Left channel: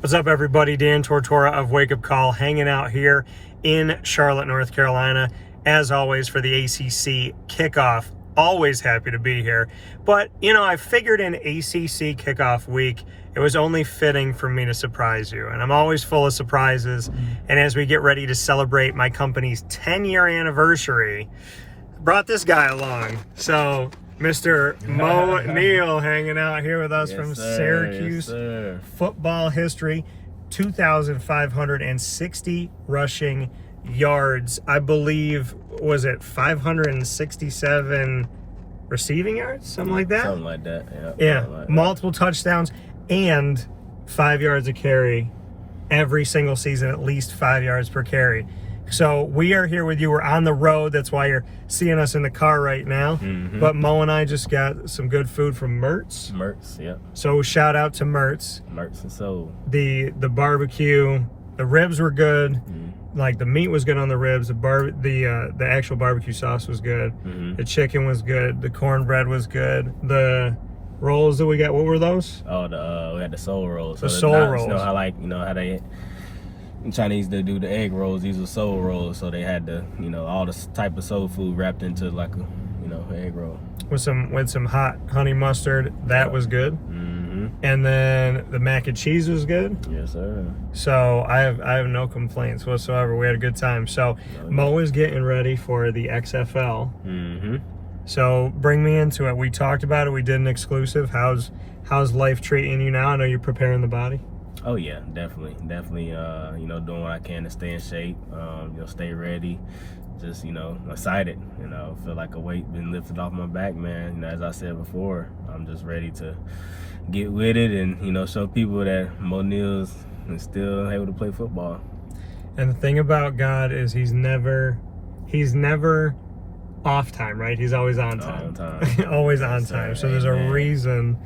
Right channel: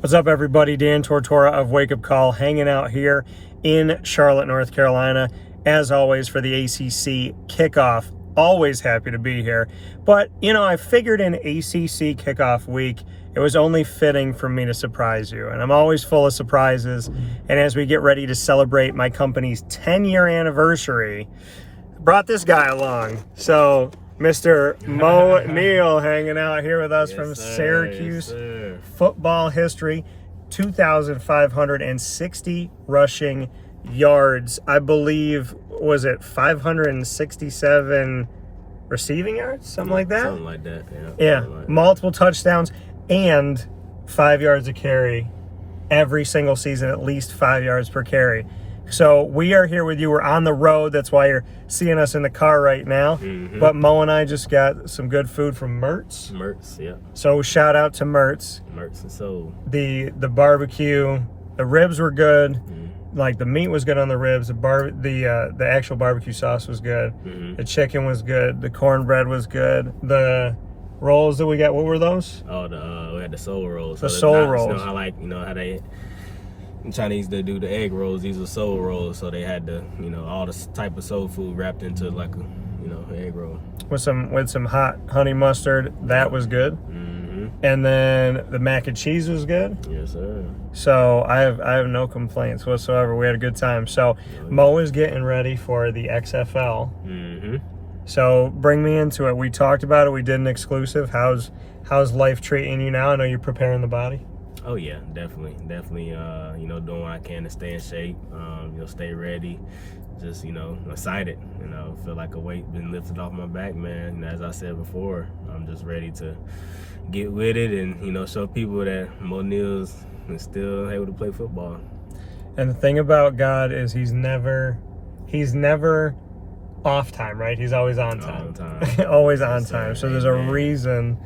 What's up, everybody? Dan Tortora of WakeUpCall hanging out here in Charlotte, North Carolina, as always for the ACC kickoff. Always happy to be here. But, you know, I figured in ACC kickoff week, it was only fitting for me to surprise you. And I'm always full of surprises. And as we get ready to celebrate my company's 10-year anniversary, I brought this guy along. So, Mr. Moe Neal hanging out here with us from Syracuse football history. 2,560 rushing yards. I believe, was it 567 receiving yards? Something like that? Something like that, yeah. Like Multiple touchdowns and 5 yards a carry every single season, at least 5 yards per carry. So we are here with you. We're on the road. That's why you're seeing us in the car right now. Mm-hmm. But Mo and I just got some good food from Mertz. Mertz, yeah. So shout out to Mertz. Mertz and Soul. The barbecue, the ribs were good. Mm-hmm. Like the meat was good on the ribs. The actual barbecue sauce was good. Mm-hmm. The chicken was good. The cornbread was good. The rolls that we got, what were those? Oh, we had the soul rolls. The soul rolls. You know how how they Chinese, they do the egg rolls. These were soul rolls, so they had the all this type of soul food wrapped into like a egg roll with some hot honey mustard. That was good. Mm-hmm. And then the mac and cheese was good. Yes, sir. So I have no complaints whatsoever. We had a good time. So Mo is getting ready for the XFL. Mm-hmm. So bring me into it. We talked about it. We did an exclusive. How's life treating you now? I know you're preparing the body. Oh yeah, definitely. Doing what I can to stay in shape. Stay ready. Just excited. Feel like a weight been lifted off my back, man. As I said before, I'm just ready to get with it and show people that Moe Neal is still able to play football. And the thing about God is he's never off time, right? He's always on time. Always on time. So there's a reason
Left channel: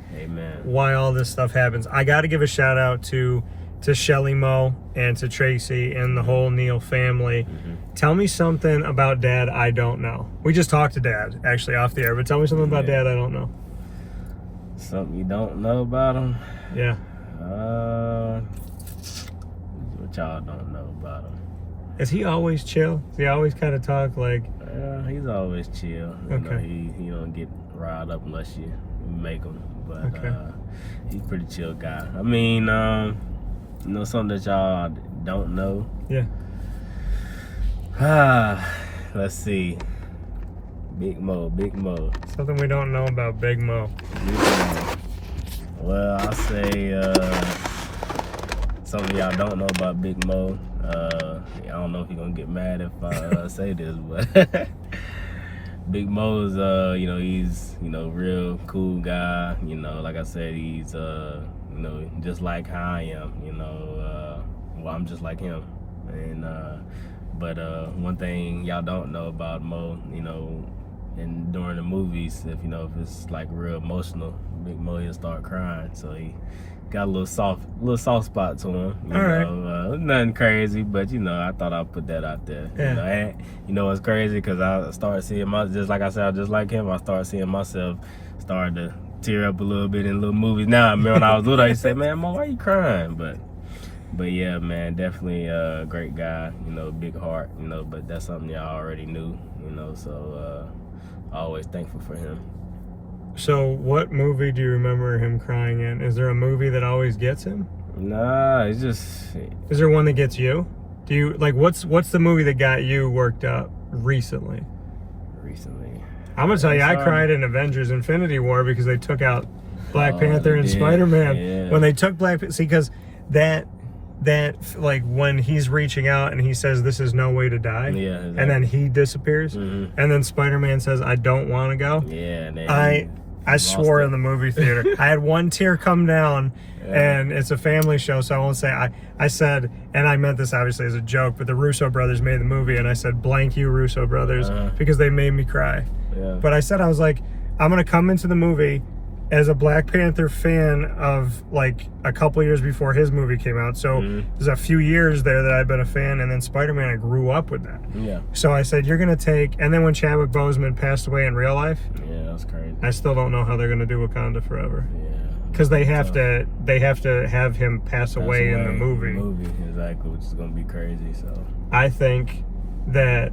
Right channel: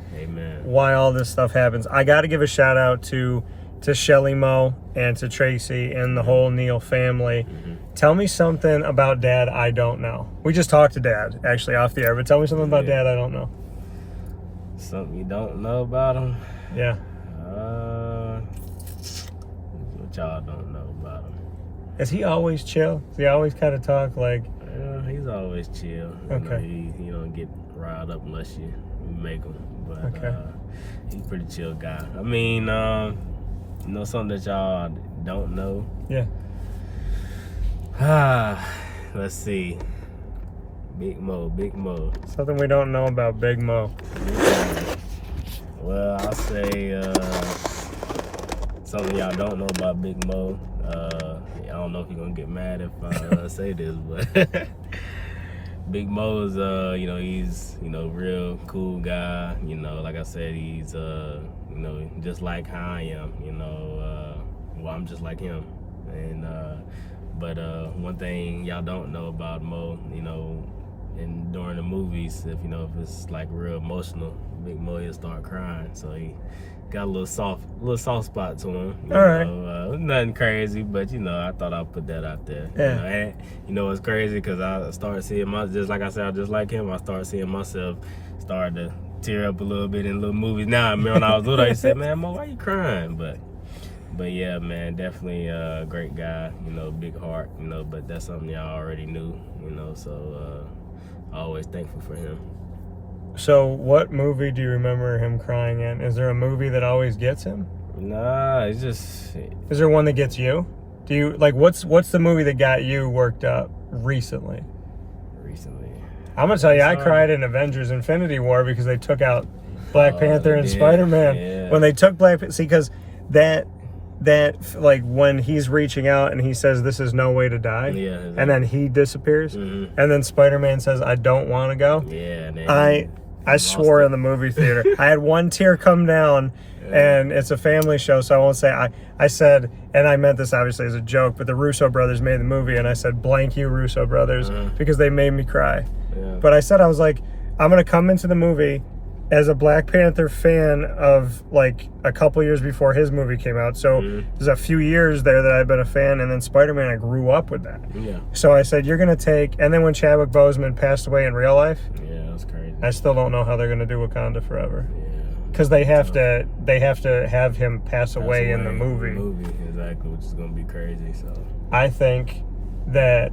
why all this stuff happens. I got to give a shout out to Shelly Moe and to Tracy and the whole Neal family. Mm-hmm. Tell me something about Dad I don't know. We just talked to Dad actually off the air, but tell me something about Dad I don't know. Something you don't know about him? Yeah. What y'all don't know about him? Is he always chill? Does he always kind of talk like? He's always chill. Okay. He don't get riled up unless you make him. But he's a pretty chill guy. I mean, something that y'all don't know. Yeah. Let's see. Big Moe. Something we don't know about Big Moe. Well, I'll say something y'all don't know about Big Moe. I don't know if you're gonna get mad if I say this, but Big Moe's he's real cool guy. Like I said, he's just like how I am. Well, I'm just like him. And but one thing y'all don't know about Moe, and during the movies, if it's like real emotional, Big Moe he'll start crying. So he got a little soft spot to him. Nothing crazy, but I thought I'd put that out there. Yeah. And it's crazy because I started seeing just like I said, just like him, I started seeing myself starting to tear up a little bit in little movies. Now, I remember when I was little, I used to say, man, Mo, why you crying? But yeah, man, definitely a great guy, big heart, but that's something y'all already knew, so always thankful for him. So what movie do you remember him crying in? Is there a movie that always gets him? Nah, it's just... Is there one that gets you? Do you, like, what's the movie that got you worked up recently? I'm gonna tell you, I cried in Avengers Infinity War because they took out Black Panther and Spider-Man. Yeah. When they took because that like when he's reaching out and he says this is no way to die, and then he disappears, and then Spider-Man says I don't want to go. I swore in the movie theater. I had one tear come down, and it's a family show, so I won't say. I said, and I meant this obviously as a joke, but the Russo brothers made the movie, and I said blank you Russo brothers because they made me cry. But I said, I was like, I'm gonna come into the movie as a Black Panther fan of like a couple years before his movie came out. So there's a few years there that I've been a fan, and then Spider-Man, I grew up with that. Yeah. So I said, you're gonna take, and then when Chadwick Boseman passed away in real life, that's crazy. I still don't know how they're gonna do Wakanda Forever. Yeah, Because they have to have him pass away in the movie. Exactly, which is gonna be crazy. So I think that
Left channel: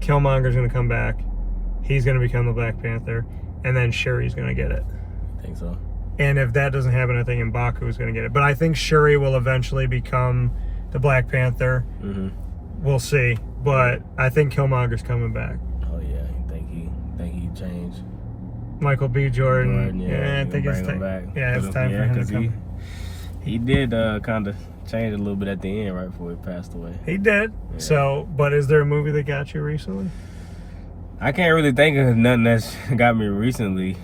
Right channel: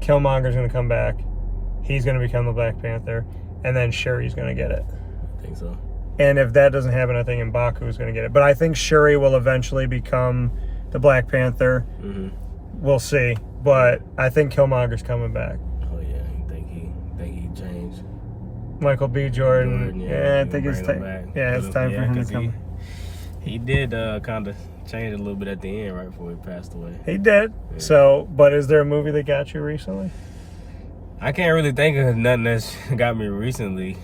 Killmonger's gonna come back. He's gonna become the Black Panther, and then Shuri's gonna get it. I think so. And if that doesn't happen, I think M'Baku's gonna get it. But I think Shuri will eventually become the Black Panther. Mm-hmm. We'll see. But I think Killmonger's coming back. Oh yeah, you think he changed? Michael B. Jordan. Yeah, I think it's time. Yeah, it's time for him to come. He did kind of change a little bit at the end, right before he passed away. He did. Yeah. So, but is there a movie that got you recently? I can't really think of nothing that's got me recently.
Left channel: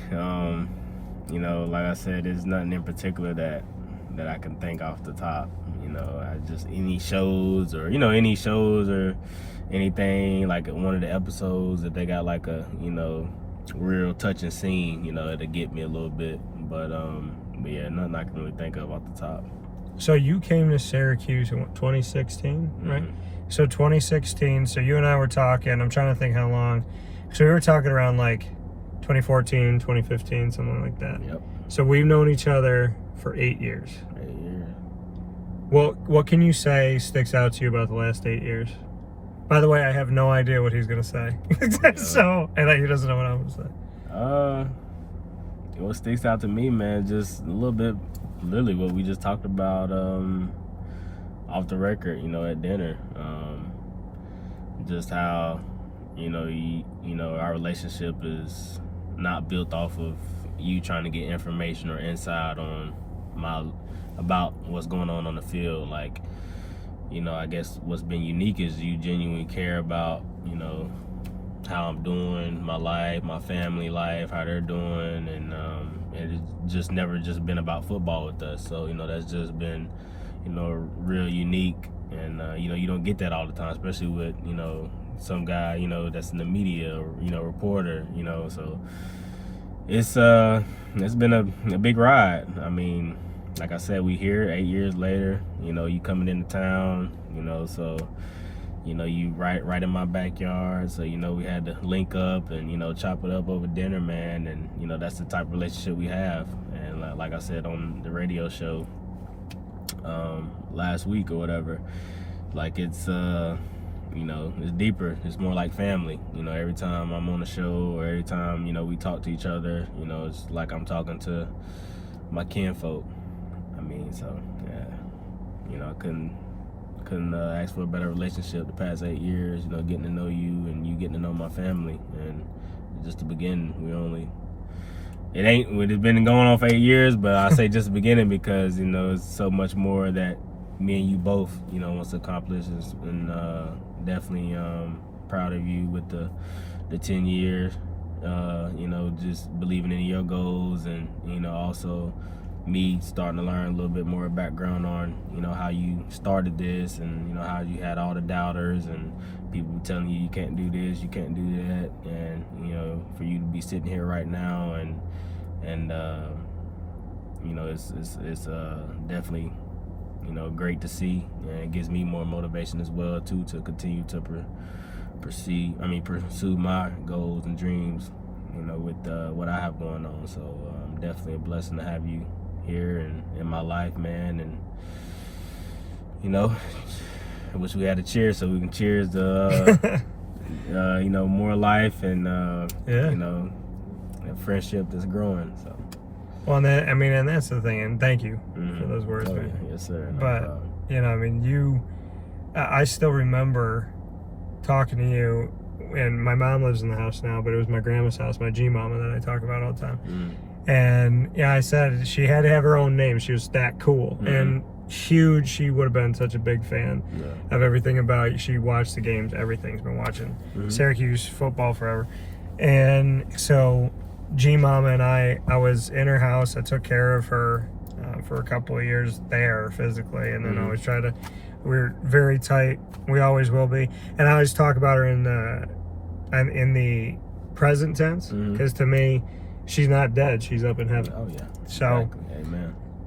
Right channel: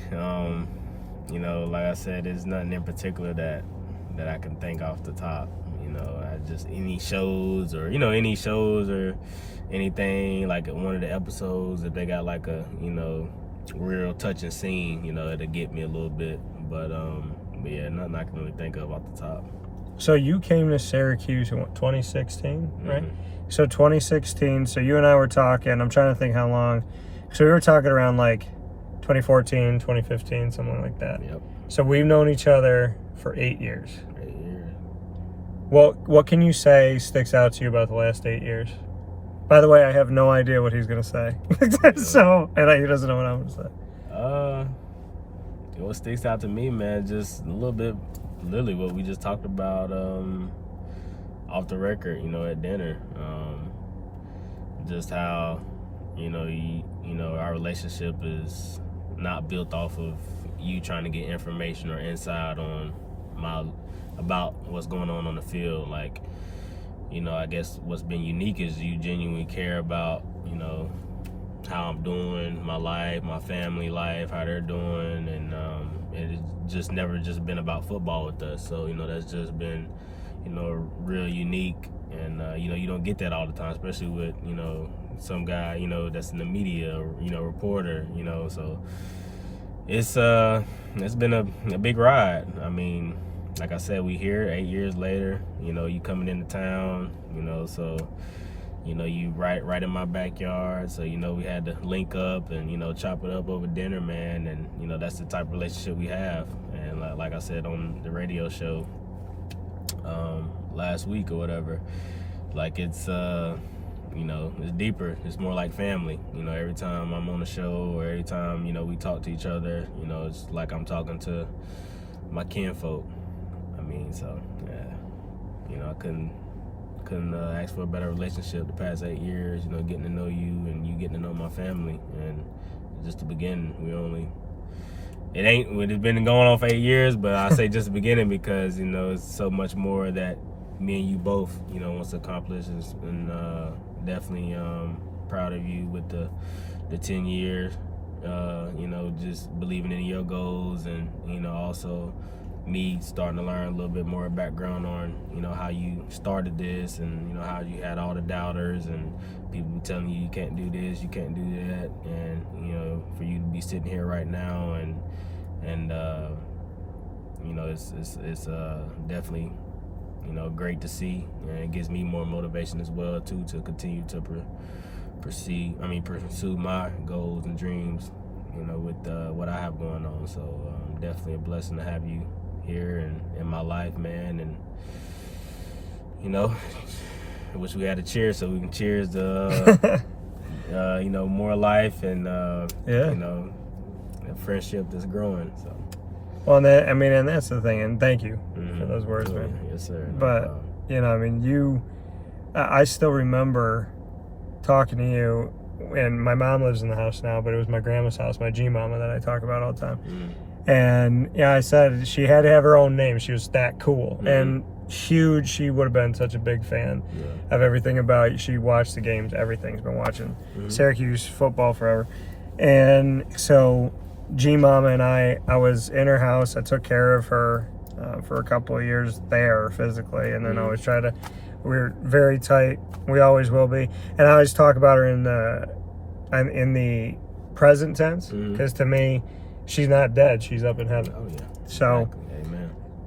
You know, like I said, there's nothing in particular that I can think off the top. You know, I just any shows or anything like one of the episodes, if they got like a real touching scene, it'll get me a little bit. But yeah, nothing I can really think of off the top. So you came to Syracuse in 2016, right? So 2016. So you and I were talking. I'm trying to think how long. So we were talking around like 2014, 2015, something like that. Yep. So we've known each other for 8 years. 8 years. Well, what can you say sticks out to you about the last 8 years? By the way, I have no idea what he's gonna say. So, and he doesn't know what I'm gonna say. What sticks out to me, man, just a little bit, literally what we just talked about off the record, at dinner. Just how, our relationship is not built off of you trying to get information or insight on about what's going on the field. Like, I guess what's been unique is you genuinely care about, how I'm doing, my life, my family life, how they're doing, and it's just never just been about football with us. So, that's just been, real unique, and you don't get that all the time, especially with, some guy, that's in the media or, reporter, so it's been a big ride. I mean, like I said, we here 8 years later, you coming into town, so, you right in my backyard. So, we had to link up and, chop it up over dinner, man. And, that's the type of relationship we have. And like I said on the radio show last week or whatever, like it's deeper. It's more like family. Every time I'm on the show or every time, we talk to each other, it's like I'm talking to my kinfolk. I mean, so, yeah, I couldn't ask for a better relationship the past 8 years, getting to know you and you getting to know my family. And just the beginning, it's been going on for 8 years, but I say just the beginning because, it's so much more that me and you both, wants to accomplish. And definitely proud of you with the 10 years, just believing in your goals and, also me starting to learn a little bit more background on, how you started this and, how you had all the doubters and people telling you can't do this, you can't do that. And, for you to be sitting here right now and it's definitely, great to see, and it gives me more motivation as well too to continue to pursue my goals and dreams, with what I have going on. So definitely a blessing to have you here and in my life, man. And I wish we had a cheers so we can cheers to more life and a friendship that's growing. So. Well, and that's the thing, and thank you for those words, man. Yeah. Yes, sir. No but I still remember talking to you, and my mom lives in the house now, but it was my grandma's house, my G-mama that I talk about all the time. And I said she had to have her own name. She was that cool and huge. She would have been such a big fan of everything about. She watched the games, everything's been watching Syracuse football forever. And so G-mama and I was in her house. I took care of her for a couple of years there physically, and then I always we were very tight. We always will be. And I always talk about her in the present tense, because to me, she's not dead. She's up in heaven. Oh, yeah. So, exactly.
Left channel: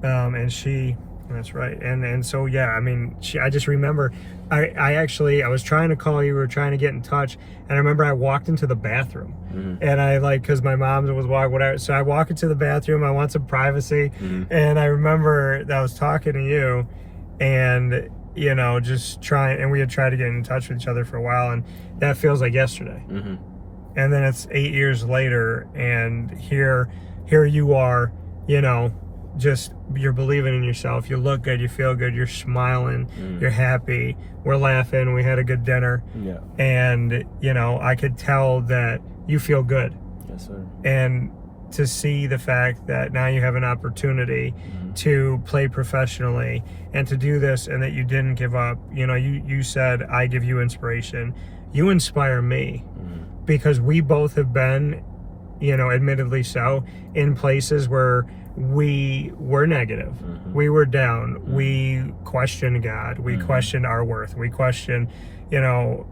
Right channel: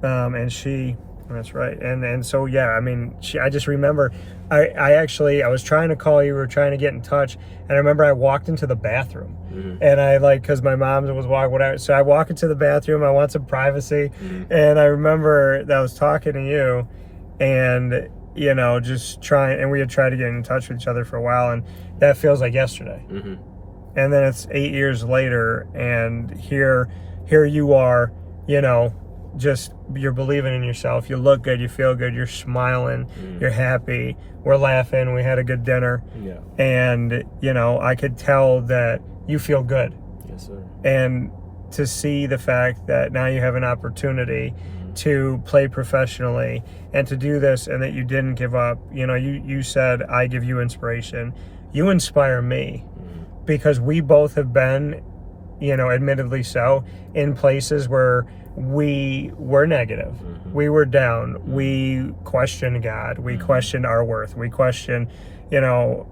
Amen. And she That's right. And so, yeah, I mean, I just remember, I was trying to call you, we were trying to get in touch, and I remember I walked into the bathroom, and I, like, because my mom was walking, whatever, so I walk into the bathroom, I want some privacy, and I remember that I was talking to you, and, you know, just trying, and we had tried to get in touch with each other for a while, and that feels like yesterday. And then it's 8 years later, and here you are, you know, just, you're believing in yourself, you look good, you feel good, you're smiling, you're happy, we're laughing, we had a good dinner, and, you know, I could tell that you feel good. Yes, sir. And to see the fact that now you have an opportunity to play professionally and to do this, and that you didn't give up. You know, you said, I give you inspiration. You inspire me, because we both have been, you know, admittedly so, in places where we were negative, we were down, we questioned God, we questioned our worth, we questioned, you know,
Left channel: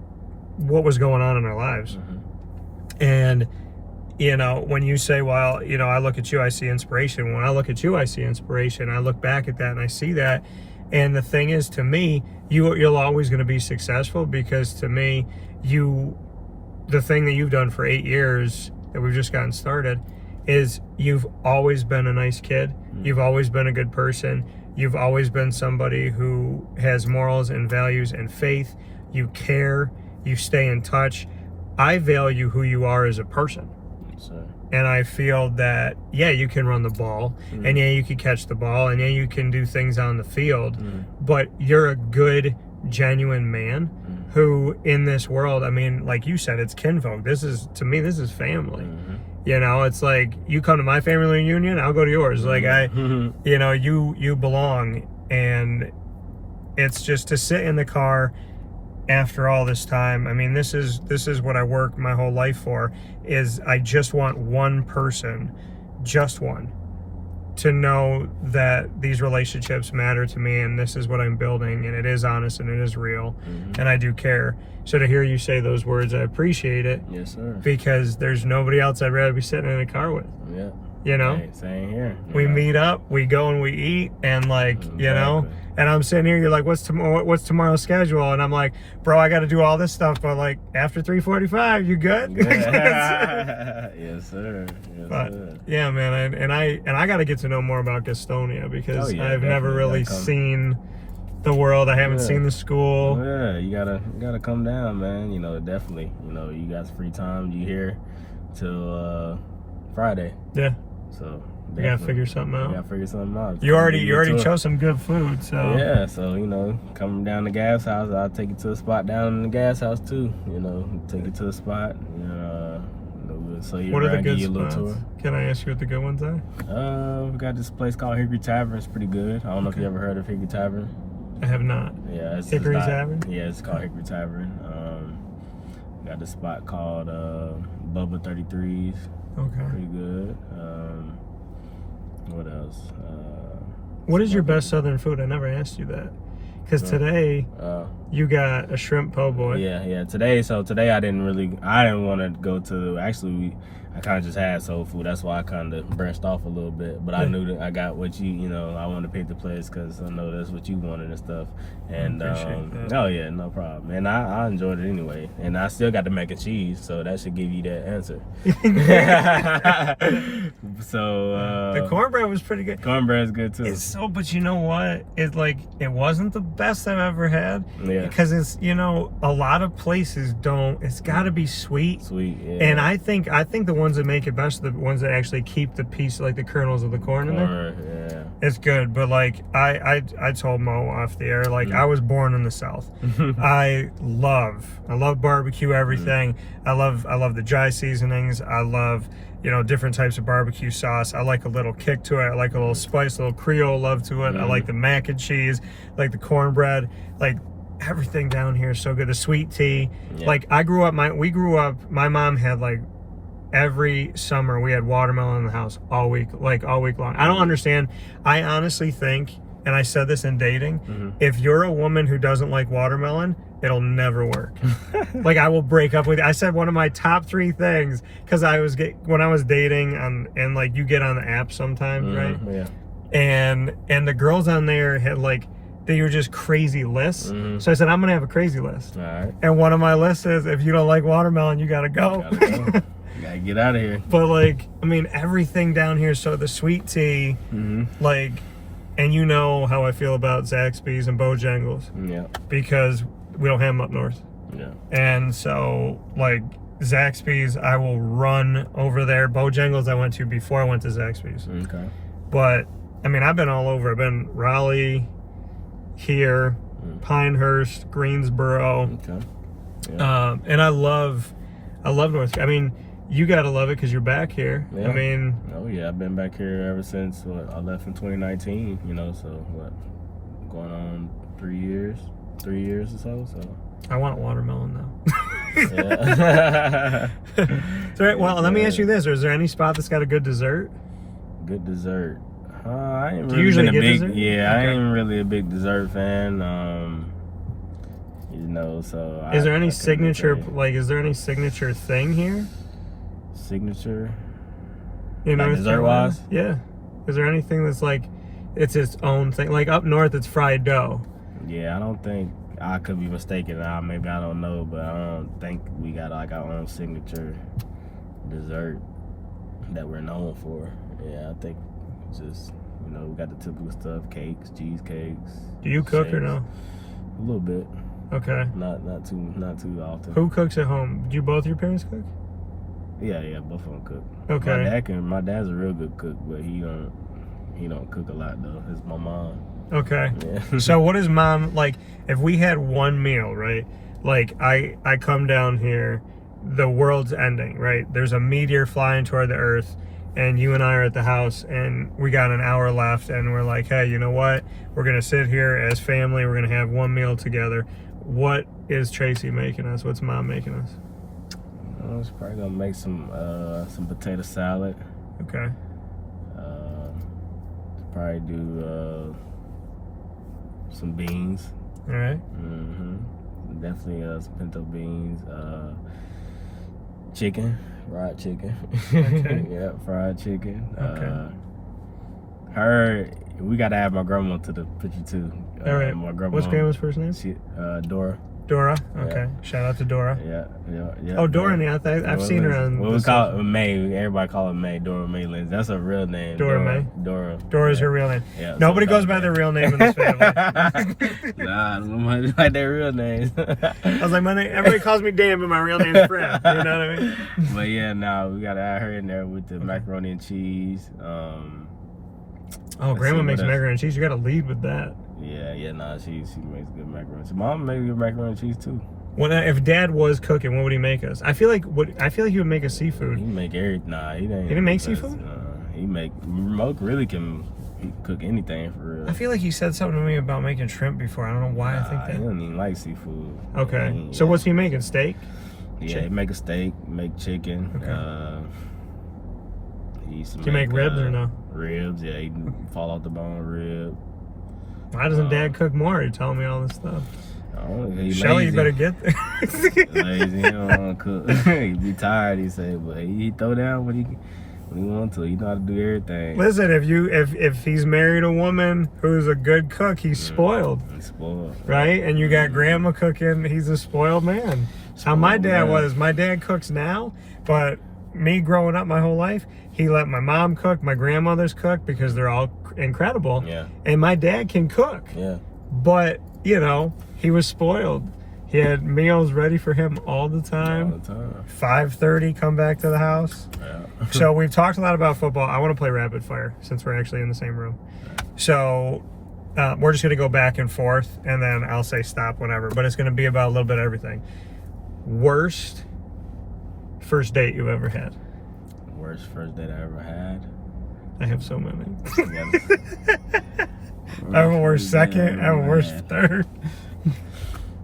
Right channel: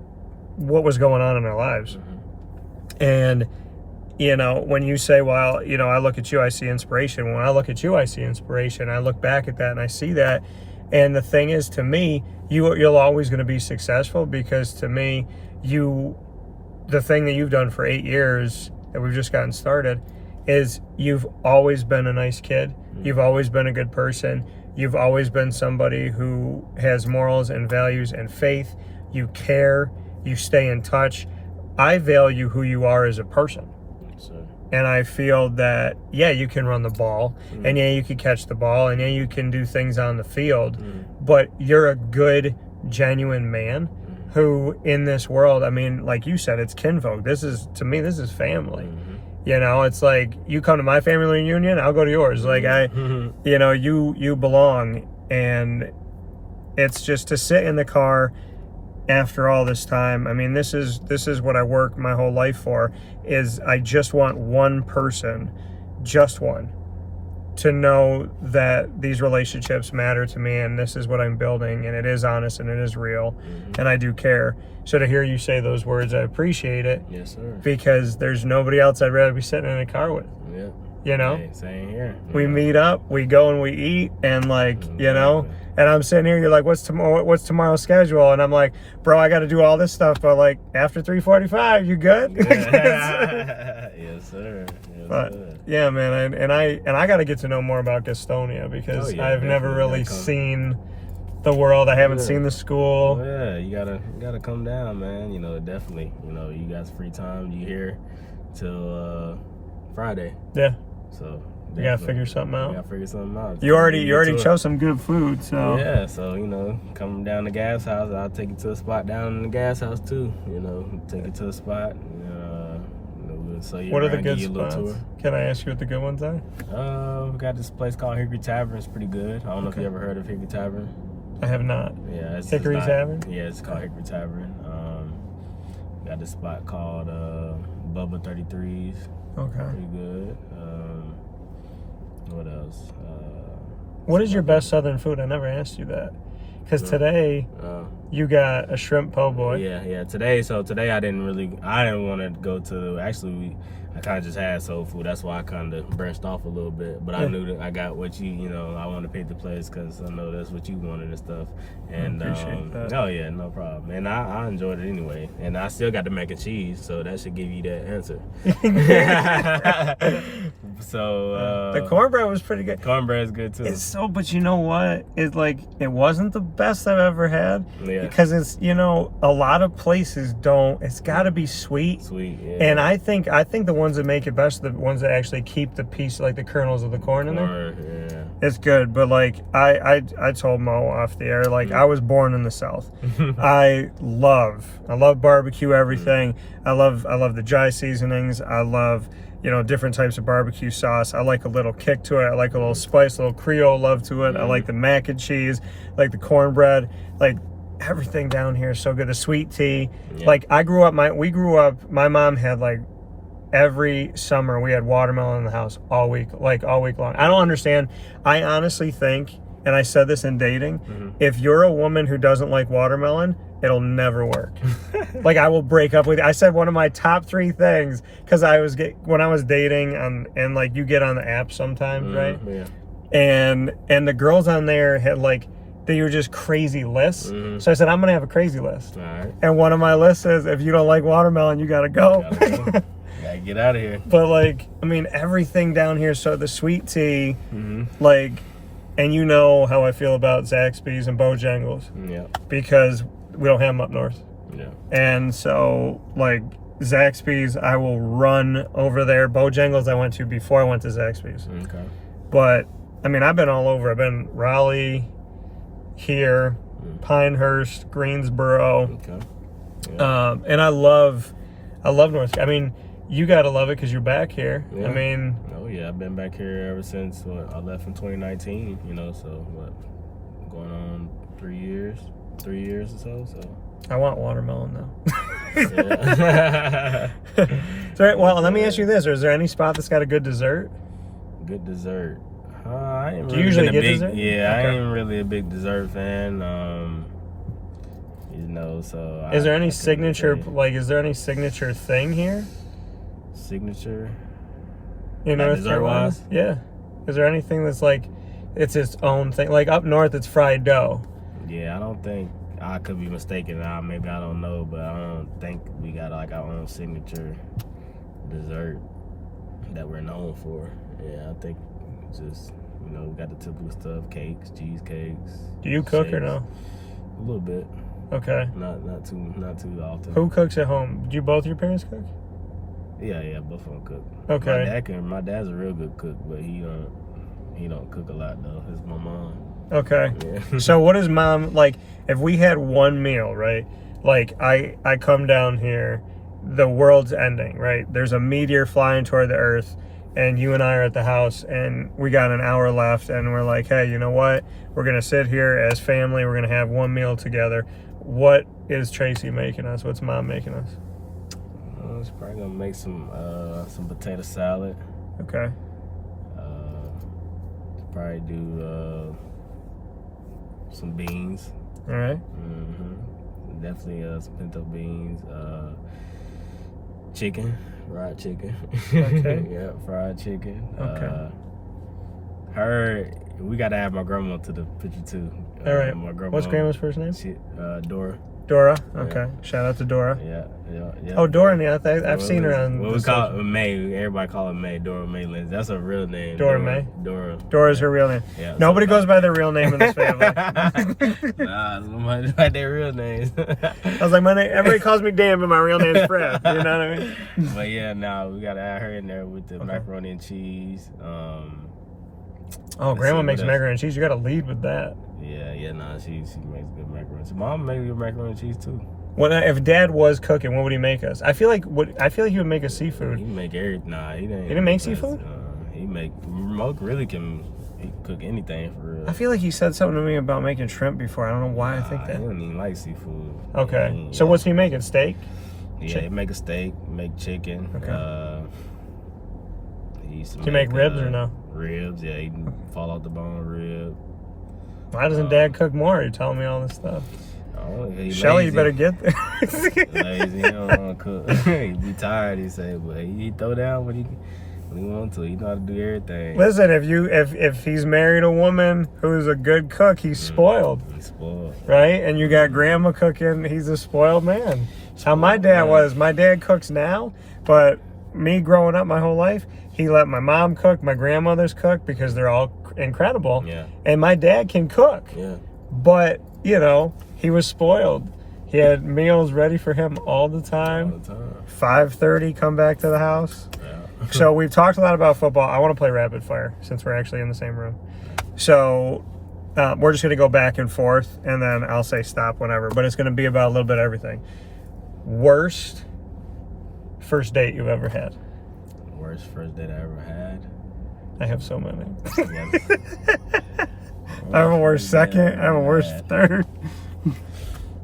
what was going on in our lives. And, you know, when you say, well, you know, I look at you, I see inspiration. When I look at you, I see inspiration. I look back at that and I see that. And the thing is, to me, you're always going to be successful, because to me, the thing that you've done for 8 years that we've just gotten started is you've always been a nice kid. You've always been a good person. You've always been somebody who has morals and values and faith. You care. You stay in touch. I value who you are as a person. And I feel that, yeah, you can run the ball, and yeah, you can catch the ball, and yeah, you can do things on the field, but you're a good, genuine man who, in this world, I mean, like you said, it's kinfolk. To me, this is family. You know, it's like, you come to my family reunion, I'll go to yours. Like, you know, you belong. And it's just to sit in the car after all this time. I mean, this is what I work my whole life for, is I just want one person, just one, to know that these relationships matter to me, and this is what I'm building, and it is honest, and it is real, and I do care. So to hear you say those words, I appreciate it. Yes, sir. Because there's nobody else I'd rather be sitting in a car with. Yeah. You know? Hey, same here. We meet up, we go and we eat, and, like, you know, and I'm sitting here, you're like, what's tomorrow's schedule? And I'm like, bro, I got to do all this stuff, but, like, after 3:45, you good? Yes, sir. Yes, but, sir. Yeah, man, and I got to get to know more about Gastonia, because I've never really seen the world. I haven't seen the school. Oh, yeah, you gotta come down, man. You know, definitely. You know, you got free time. You here till Friday. Yeah. So you gotta figure something out. You gotta figure something out. You already chose some good food, so yeah. So, you know, coming down the gas house, I'll take you to a spot down in the gas house too. You know, take you to the spot. So what are the good spots? Can I ask you what the good ones are? We got this place called Hickory Tavern. It's pretty good. I don't know if you ever heard of Hickory Tavern. I have not. Yeah, Hickory Tavern? Yeah, it's called Hickory Tavern. Got this spot called Bubba 33s. Okay. Pretty good. What else? What is your best Southern food? I never asked you that. Because today you got a shrimp po' boy. Yeah. Today I didn't want to go to. Actually, I kind of just had soul food. That's why I kind of branched off a little bit. But I knew that I got what you know. I wanted to pick the place because I know that's what you wanted and stuff. And oh yeah, no problem. And I enjoyed it anyway. And I still got the mac and cheese, so that should give you that answer. So the cornbread was pretty good. Cornbread's good too. But you know what? It wasn't the best I've ever had. Yeah. Because it's, you know, a lot of places don't. It's got to be sweet. Sweet. Yeah. And I think the ones that make it best are the ones that actually keep the piece, like the kernels of the corn in there. Yeah. It's good, but like I told Mo off the air, like I was born in the South. I love barbecue, everything. I love the dry seasonings. I love, you know, different types of barbecue sauce. I like a little kick to it. I like a little spice, a little Creole love to it. I like the mac and cheese, like the cornbread, like everything down here is so good. The sweet tea. Yeah. Like we grew up, my mom had like every summer we had watermelon in the house all week long. I don't understand. I honestly think, and I said this in dating, if you're a woman who doesn't like watermelon, it'll never work. Like, I will break up with you. I said one of my top 3 things, because when I was dating, and like you get on the app sometimes, right? Yeah. and the girls on there had like, they were just crazy lists. So I said, I'm gonna have a crazy list. All right. And one of my lists is, if you don't like watermelon, you gotta go. You gotta get out of here. But like, I mean, everything down here. So the sweet tea, like, and you know how I feel about Zaxby's and Bojangles. Yeah. Because we don't have them up north. Yeah. And so like Zaxby's, I will run over there. Bojangles I went to before I went to Zaxby's. Okay. But I mean, I've been all over. I've been Raleigh, here, Pinehurst, Greensboro. Okay. Yeah. And I love North. I mean, you gotta love it because you're back here. Yeah. I mean, oh yeah, I've been back here ever since I left in 2019. You know, so what, going on 3 years or so. I want watermelon now. Yeah. So, well, let me ask you this: is there any spot that's got a good dessert? Good dessert. I ain't Do really you usually been a get big, dessert? Yeah, Okay. I ain't really a big dessert fan. You know, so Is there any signature, like, is there any signature thing here? Signature? You know, Like dessert-wise? Yeah. Is there anything that's like, it's its own thing? Like up north, it's fried dough. Yeah, I don't think, I could be mistaken. Maybe I don't know, but I don't think we got like our own signature dessert that we're known for. Yeah, I think it's just, you know, we got the typical stuff: cakes, cheesecakes. Do you cook shakes. or no? A little bit. Okay. Not too often. Who cooks at home? Do you both your parents cook? Yeah, both of them cook. Okay. My dad's a real good cook, but he don't cook a lot though. It's my mom. Okay. Yeah. So what is mom like? If we had one meal, right? Like I come down here, the world's ending, right? There's a meteor flying toward the earth, and you and I are at the house, and we got an hour left, and we're like, hey, you know what? We're gonna sit here as family. We're gonna have one meal together. What is Tracy making us? What's mom making us? She's probably gonna make some potato salad. Okay. Probably do some beans. All right. Definitely some pinto beans. Chicken, fried chicken. Okay. Yeah, fried chicken. Okay. We gotta add my grandma to the picture too. All right. My grandma, What's grandma's first name? Dora. Dora. Okay. Yeah. Shout out to Dora. Yeah. Oh, Dora. Yeah, I've seen her on. What we call her May. Everybody call her May. Dora May Lindsay. That's her real name. Dora May? Dora. Dora's her real name. Yeah, Nobody goes by their real name in this family. Nah, nobody like their real names. I was like, my name. Everybody calls me Dan, but my real name's Fred. You know what I mean? But yeah, we gotta add her in there with the macaroni and cheese. Oh, grandma makes macaroni and cheese. You got to lead with that. Yeah, she makes good macaroni. Mom makes good macaroni and cheese too. If Dad was cooking, what would he make us? I feel like he would make us seafood. He make everything. Nah, he didn't make seafood. Remote really can cook anything for real. I feel like he said something to me about making shrimp before. I don't know why I think that. He don't even like seafood. Okay, so what's he making? Steak? Yeah, he make a steak, make chicken. Okay. He used to Do you make ribs or no? Ribs, yeah. He fall off the bone rib. Why doesn't Dad cook more? You're telling me all this stuff. Lazy. Shelly, you better get there. Lazy, he don't want to cook. He be tired, he say, but he throw down what he want to. He know how to do everything. Listen, if he's married a woman who's a good cook, he's spoiled. He's spoiled. Right? And you got grandma cooking, he's a spoiled man. That's how my dad was. My dad cooks now, but me growing up my whole life, he let my mom cook, my grandmothers cook because they're all incredible. Yeah. And my dad can cook. Yeah. But, you know, he was spoiled. He had meals ready for him all the time. All the time. 5:30, come back to the house. Yeah. So we've talked a lot about football. I want to play rapid fire since we're actually in the same room. So we're just going to go back and forth, and then I'll say stop whenever. But it's going to be about a little bit of everything. Worst first date you've ever had? Worst first date I ever had? I have so many. I have a worst second. I have a worst third.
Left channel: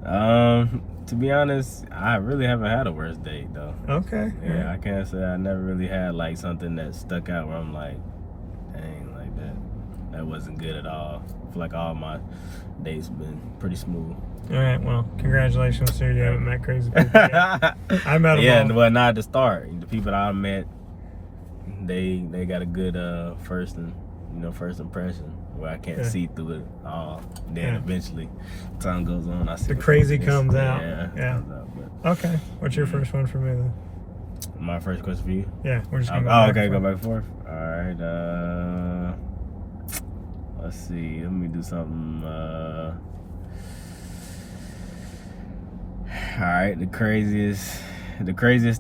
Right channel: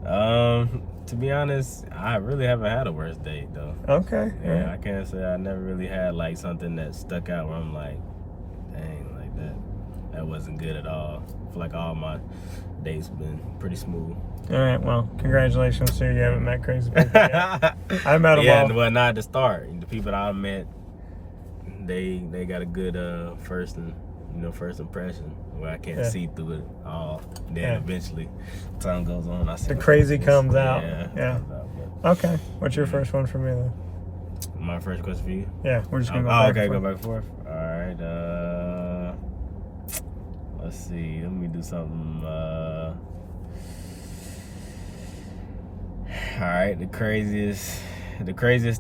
To be honest, I really haven't had a worst date though. Okay. Yeah, Right. I can't say I never really had like something that stuck out where I'm like, dang, like that wasn't good at all. I feel like all my dates been pretty smooth. All right. Well, congratulations to you. You haven't met crazy people yet. I met them Yeah, all. well, not at the start. The people that I met, they got a good first and first impression where I can't see through it all. And then eventually, time goes on. I see the crazy comes out. Yeah. Okay. What's your first one for me then? My first question for you? Yeah, we're just gonna go back. Okay, go back and forth. All right. Let's see. Let me do something. All right. The craziest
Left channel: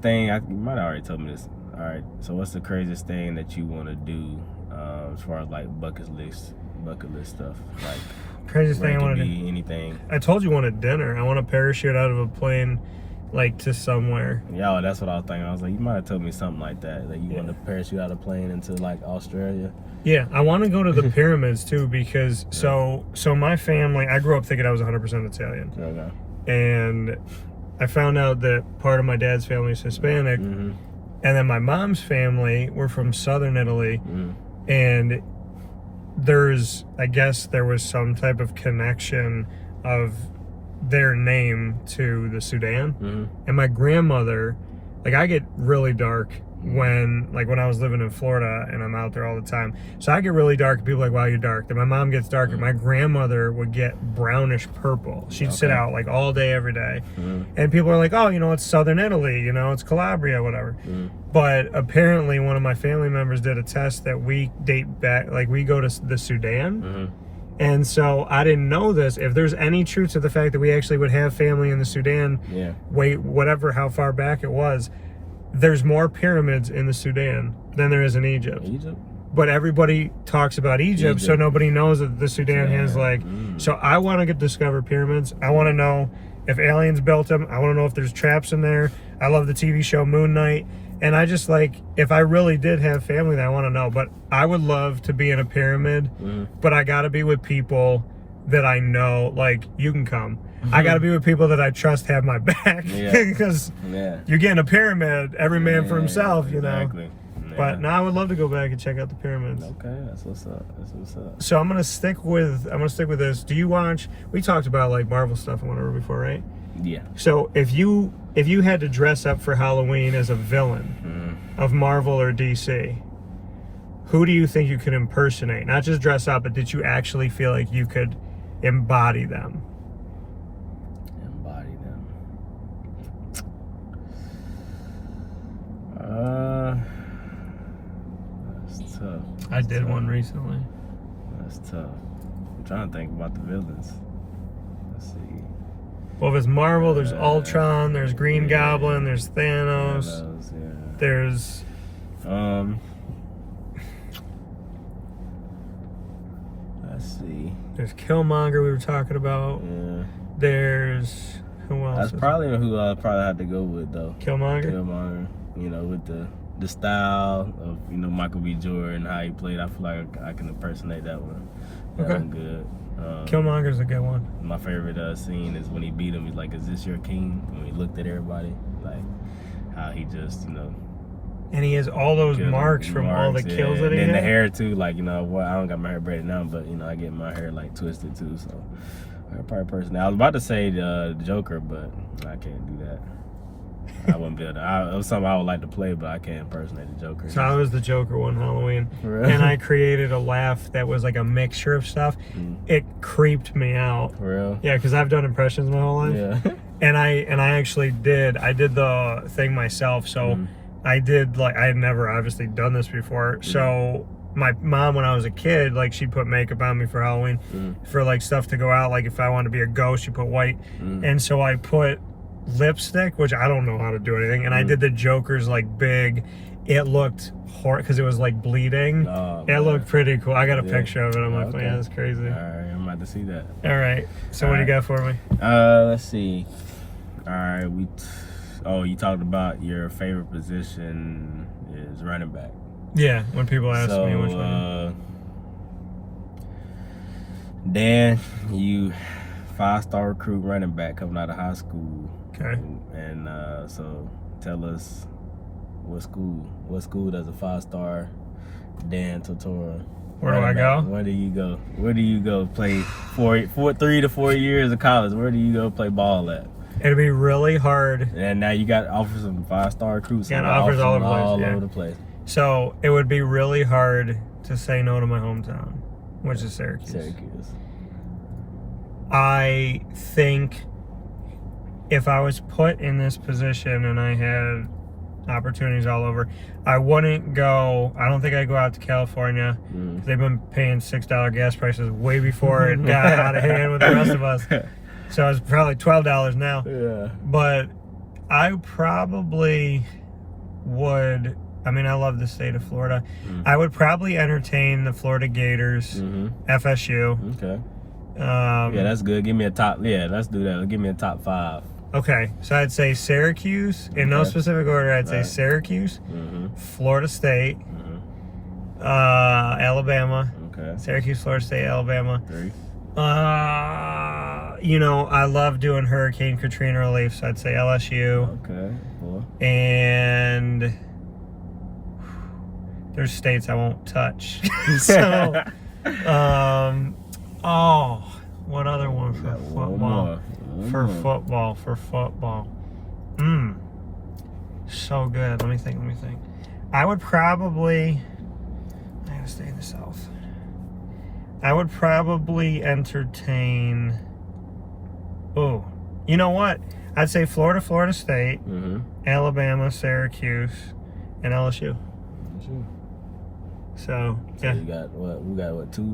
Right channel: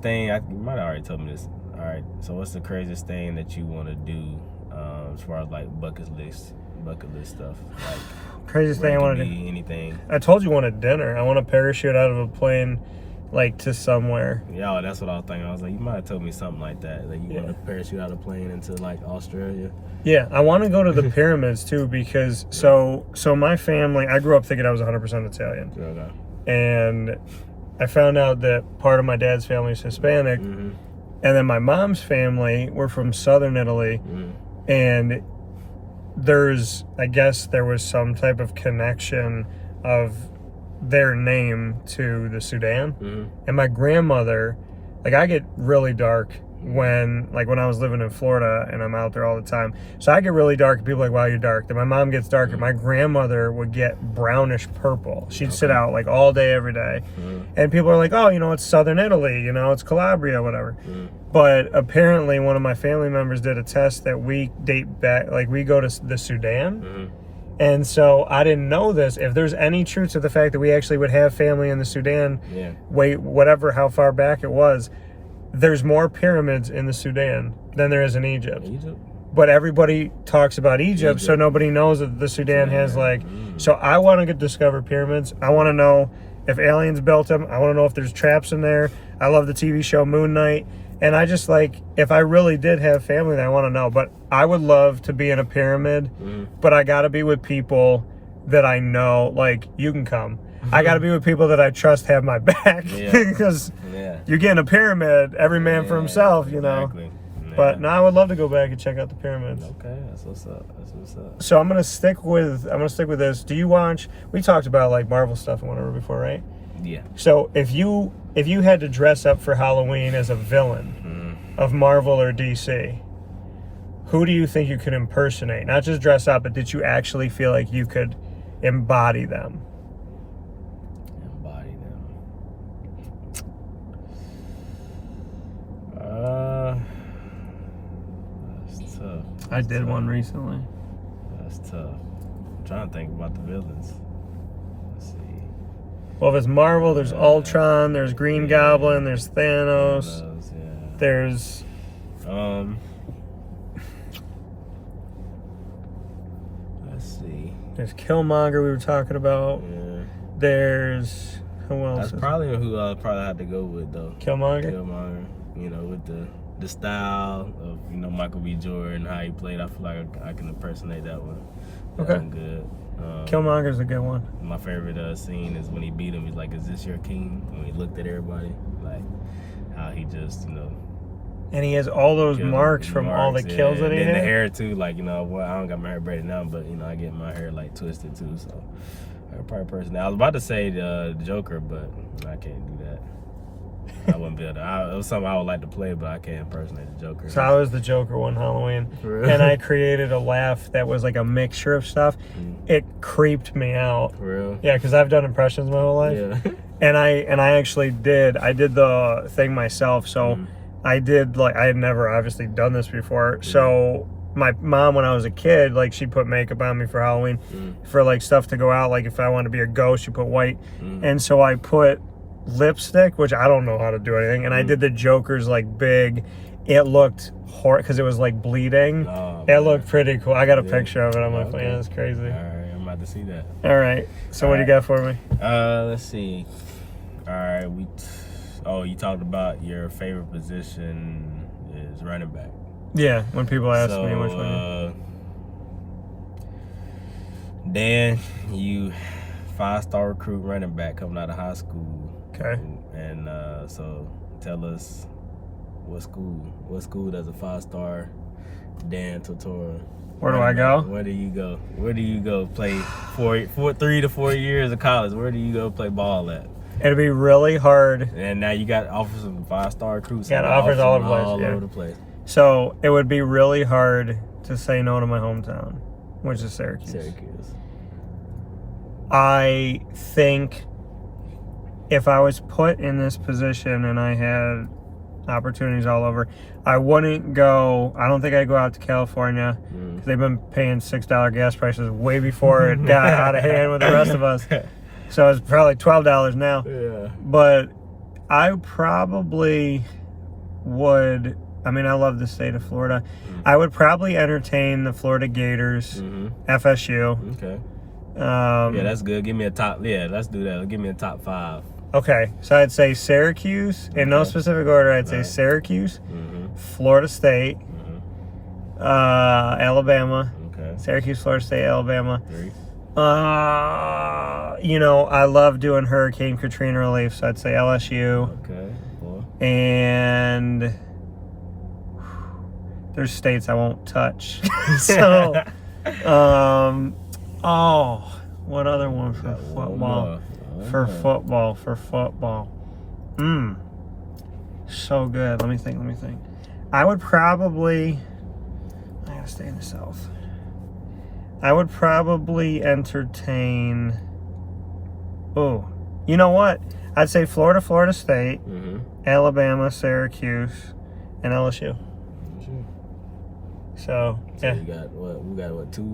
thing. You might have already told me this. All right. So, what's the craziest thing that you want to do as far as like bucket list stuff? Like craziest thing I want to do. Anything. I told you I wanted dinner. I want to parachute out of a plane, like to somewhere. Yeah, that's what I was thinking. I was like, you might have told me something like that. Like you want to parachute out of a plane into like Australia. Yeah, I want to go to the pyramids too because so my family. I grew up thinking I was 100% Italian. Okay. And I found out that part of my dad's family is Hispanic, and then my mom's family were from southern Italy, and I guess there was some type of connection of their name to the Sudan. And my grandmother, like I get really dark when I was living in Florida and I'm out there all the time. So I get really dark and people are like, wow, you're dark. Then my mom gets darker. My grandmother would get brownish purple. She'd sit out like all day, every day. And people are like, oh, it's Southern Italy, it's Calabria, whatever. But apparently one of my family members did a test that we date back, like we go to the Sudan. And so I didn't know this. If there's any truth to the fact that we actually would have family in the Sudan, how far back it was, there's more pyramids in the Sudan than there is in Egypt. But everybody talks about Egypt, so nobody knows that the Sudan has So I want to discover pyramids. I want to know if aliens built them. I want to know if there's traps in there. I love the TV show Moon Knight. And I just if I really did have family, then I want to know. But I would love to be in a pyramid, but I got to be with people that I know. Like, you can come. I got to be with people that I trust have my back. Because you get in a pyramid, every man for himself, Exactly. But I would love to go back and check out the pyramids. Okay, that's what's up. So I'm gonna stick with this. Do you watch? We talked about like Marvel stuff and whatever before, right? Yeah. So if you had to dress up for Halloween as a villain of Marvel or DC, who do you think you could impersonate? Not just dress up, but did you actually feel like you could embody them? That's tough. I did one recently. That's tough. I'm trying to think about the villains. Let's see. Well, if it's Marvel, there's Ultron, there's Green Goblin, there's Thanos, there's let's see. There's Killmonger we were talking about. Yeah. There's who else? That's probably who I probably have to go with though. Killmonger, with the style of Michael B. Jordan, how he played. I feel like I can impersonate that one. That one good. Killmonger's a good one. My favorite scene is when he beat him. He's like, "Is this your king?" When he looked at everybody, like how he just and he has all those marks from all the kills that he had. And the hair too, I don't got my hair braided now, but I get my hair twisted too. So I probably personally, I was about to say the Joker, but I can't do that. I wouldn't be able to. It was something I would like to play, but I can't impersonate the Joker. So I was the Joker one Halloween, and I created a laugh that was like a mixture of stuff. It creeped me out. For real? Yeah, because I've done impressions my whole life. Yeah. And I actually did. I did the thing myself. So I did I had never obviously done this before. So my mom, when I was a kid, she'd put makeup on me for Halloween for stuff to go out. Like if I wanted to be a ghost, she put white. And so I put lipstick, which I don't know how to do anything, and I did the Joker's big. It looked horrible because it was bleeding. It looked pretty cool. I got a picture of it on my phone. Yeah, it's crazy. All right, I'm about to see that. All right, so what do you got for me? Let's see. All right, you talked about your favorite position is running back. Yeah, when people ask me which one. Dan, you 5-star recruit running back coming out of high school. Okay. And so tell us what school does a 5-star Dan Tortora? Where do I go? Where do you go? Where do you go play 3 to 4 years of college? Where do you go play ball at? It'd be really hard. And now you got offers of 5-star recruits. Yeah, offers all over the place. Over the place. So it would be really hard to say no to my hometown, which is Syracuse. I think if I was put in this position and I had opportunities all over, I wouldn't go. I don't think I'd go out to California. They've been paying $6 gas prices way before it got out of hand with the rest of us. So it's probably $12 now. Yeah. But I probably would. I mean, I love the state of Florida. I would probably entertain the Florida Gators, FSU. Okay. Yeah, that's good. Give me a top. Yeah, let's do that. Give me a top 5. Okay, so I'd say Syracuse in no specific order. I'd say Syracuse, Florida State, Alabama. Okay. Syracuse, Florida State, Alabama. 3. You know, I love doing Hurricane Katrina relief, so I'd say LSU. Okay. 4. And there's states I won't touch. So, what other one for football? For football. So good. Let me think. I would probably, I gotta stay in the South. I would probably entertain, you know what? I'd say Florida, Florida State, Alabama, Syracuse, and LSU. So yeah. You got what? We got what? 3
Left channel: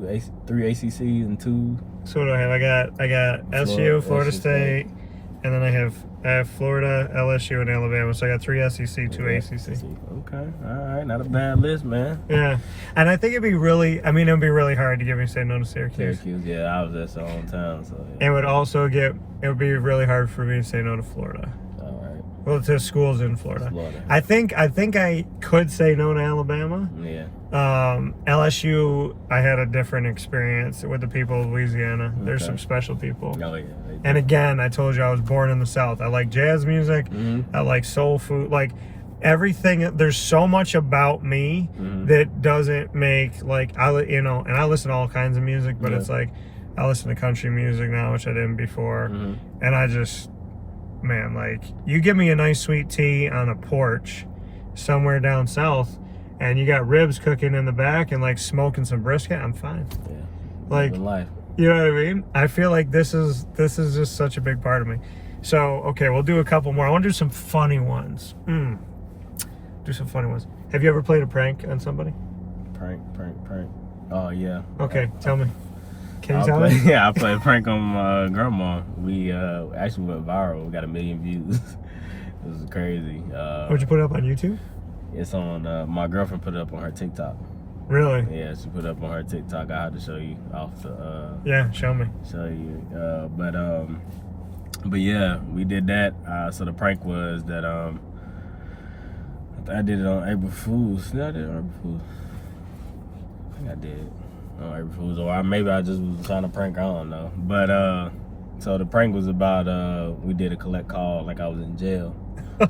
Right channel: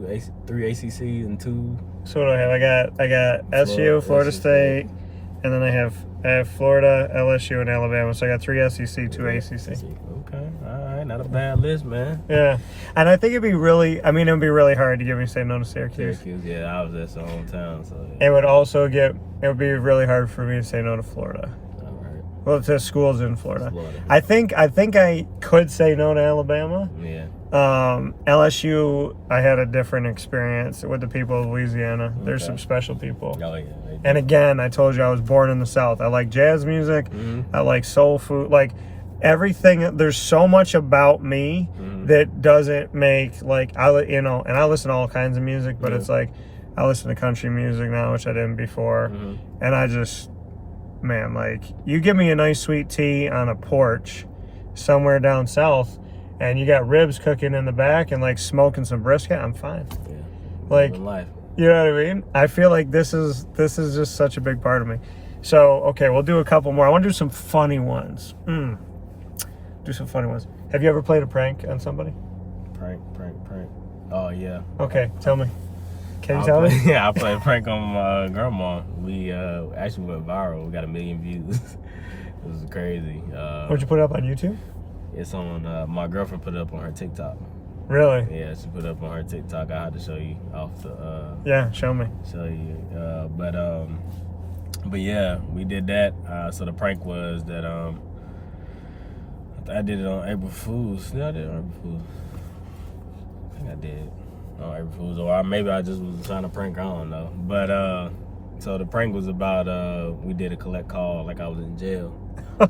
ACCs and 2. So what do I have? I got SU, Florida State, and then I have Florida, LSU, and Alabama. So I got 3 SEC, 2 ACC. Okay, all right, not a bad list, man. Yeah, and I think it'd be really hard to get me to say no to Syracuse. Yeah, I was at my hometown, so. Yeah. It would be really hard for me to say no to Florida. All right. Well, to schools in Florida. I think I could say no to Alabama. Yeah. LSU, I had a different experience with the people of Louisiana. There's some special people. Oh, yeah. And again, I told you I was born in the South. I like jazz music. I like soul food. Like everything. There's so much about me that doesn't make and I listen to all kinds of music, but it's like I listen to country music now, which I didn't before. And I just, man, like you give me a nice sweet tea on a porch somewhere down south, and you got ribs cooking in the back and like smoking some brisket, I'm fine. Yeah. Like, you know what I mean? I feel like this is just such a big part of me. So, okay, we'll do a couple more. I want to do some funny ones. Do some funny ones. Have you ever played a prank on somebody? Prank. Oh, yeah. Okay, tell me. Can you tell me? Yeah, I played a prank on my grandma. We actually went viral. We got 1 million views. It was crazy. What'd you put up on YouTube? It's on, my girlfriend put it up on her TikTok. Really? Yeah, she put it up on her TikTok. I had to show you off the, yeah, show me. Show you. But yeah, we did that. So the prank was that, I did it on April Fool's. No, I did it on April Fool's. I think I did on April Fool's. Or maybe I just was trying to prank, I don't know. But, so the prank was about, we did a collect call like I was in jail.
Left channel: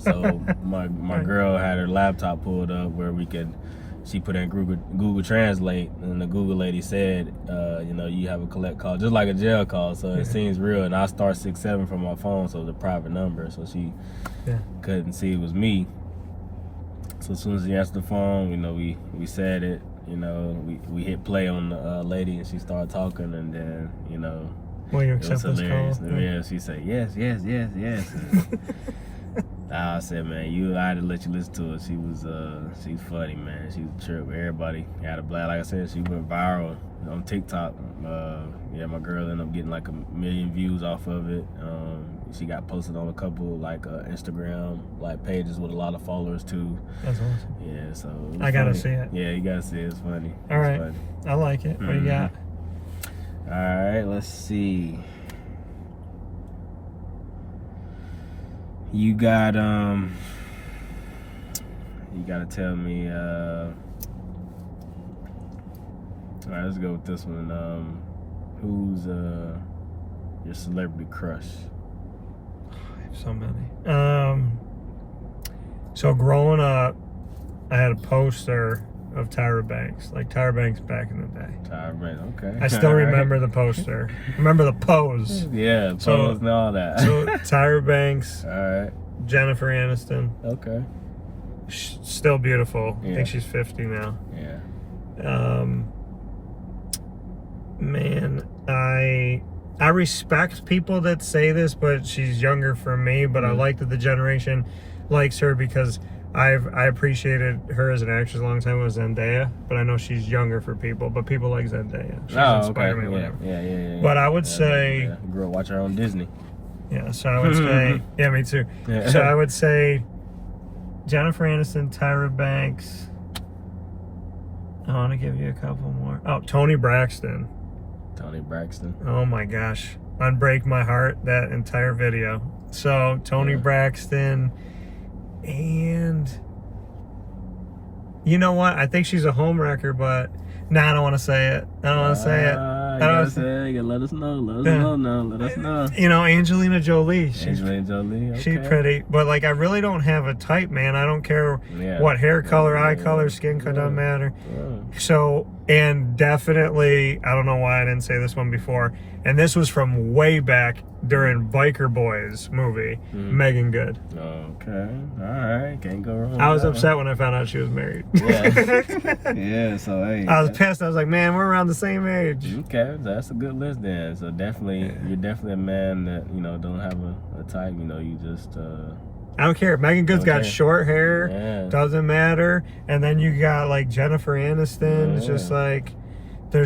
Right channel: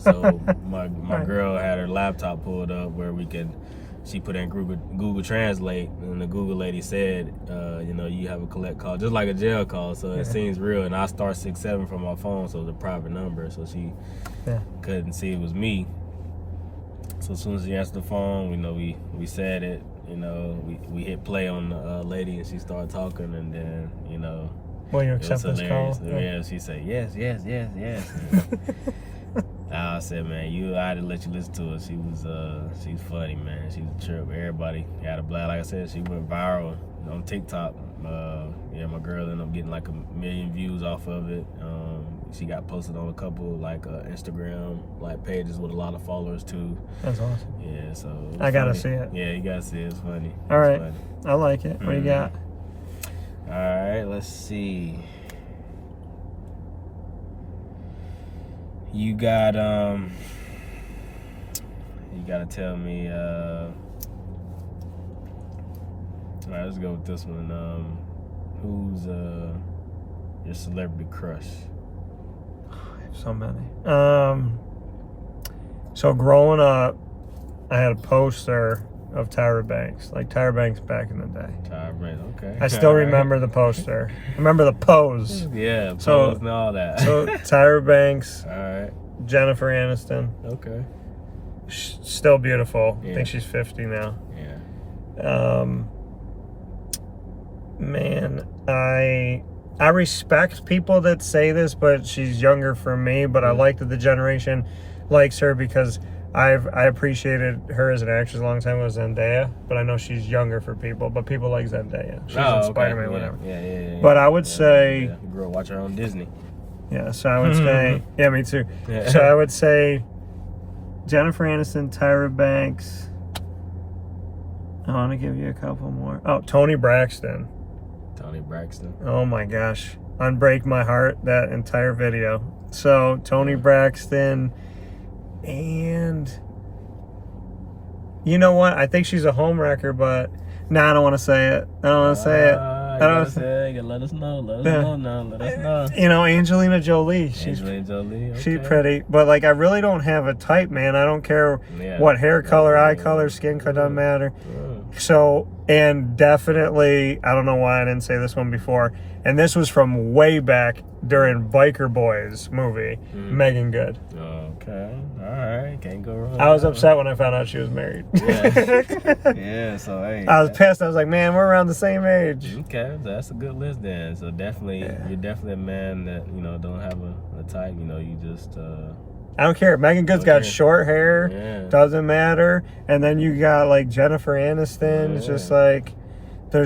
So my girl had her laptop pulled up where she put in Google Translate, and the Google lady said, you have a collect call, just like a jail call, so it seems real. And I star 67 from my phone, so it's a private number, so she couldn't see it was me. So as soon as she answered the phone, we said it, we hit play on the lady, and she started talking, and then, Will you accept this call? Yeah, she said, yes. I said, man, I had to let you listen to it. She's funny, man. She was a trip. Everybody had a blast. Like I said, she went viral on TikTok. My girl ended up getting like 1 million views off of it. She got posted on a couple Instagram pages with a lot of followers too. That's awesome. Yeah, so I gotta see it. Yeah, you gotta see it. It's funny. All right, I like it. What do you got? All right, let's see. You gotta tell me, all right, let's go with this one. Who's your celebrity crush? So many. So growing up, I had a poster of Tyra Banks, like Tyra Banks back in the day. Tyra Banks, okay. I still remember the poster. Remember the pose. Yeah, pose and all that. So Tyra Banks. All right. Jennifer Aniston. Okay. Still beautiful. Yeah. I think she's 50 now. Yeah. Man, I respect people that say this, but she's younger for me. But I like that the generation likes her because I appreciated her as an actress a long time. It was Zendaya, but I know she's younger for people. But people like Zendaya. She's in Spider-Man, whatever. Yeah. But I would say, grew up watching her on Disney. Yeah. So I would say, yeah, me too. Yeah. So I would say Jennifer Aniston, Tyra Banks. I want to give you a couple more. Oh, Toni Braxton. Toni Braxton. Oh my gosh. Unbreak My Heart, that entire video. So, Toni Braxton, and you know what? I think she's a homewrecker, but I don't want to say it. I don't want to say it. I don't want to say it. Let us know. Let us know. You know, Angelina Jolie. Okay. She's pretty, but like I really don't have a type, man. I don't care what hair color, eye color, skin color, doesn't matter. So, and definitely, I don't know why I didn't say this one before, and this was from way back during Biker Boys movie, Megan Good. Okay, all right, can't go wrong. I was upset when I found out she was married. Yeah, so hey. I was pissed. I was like, man, we're around the same age. Okay, that's a good list then. So definitely, you're definitely a man that, you know, don't have a type, you know, you just... I don't care. Megan Good's got short hair. Doesn't matter. And then you got like Jennifer Aniston. It's just like, I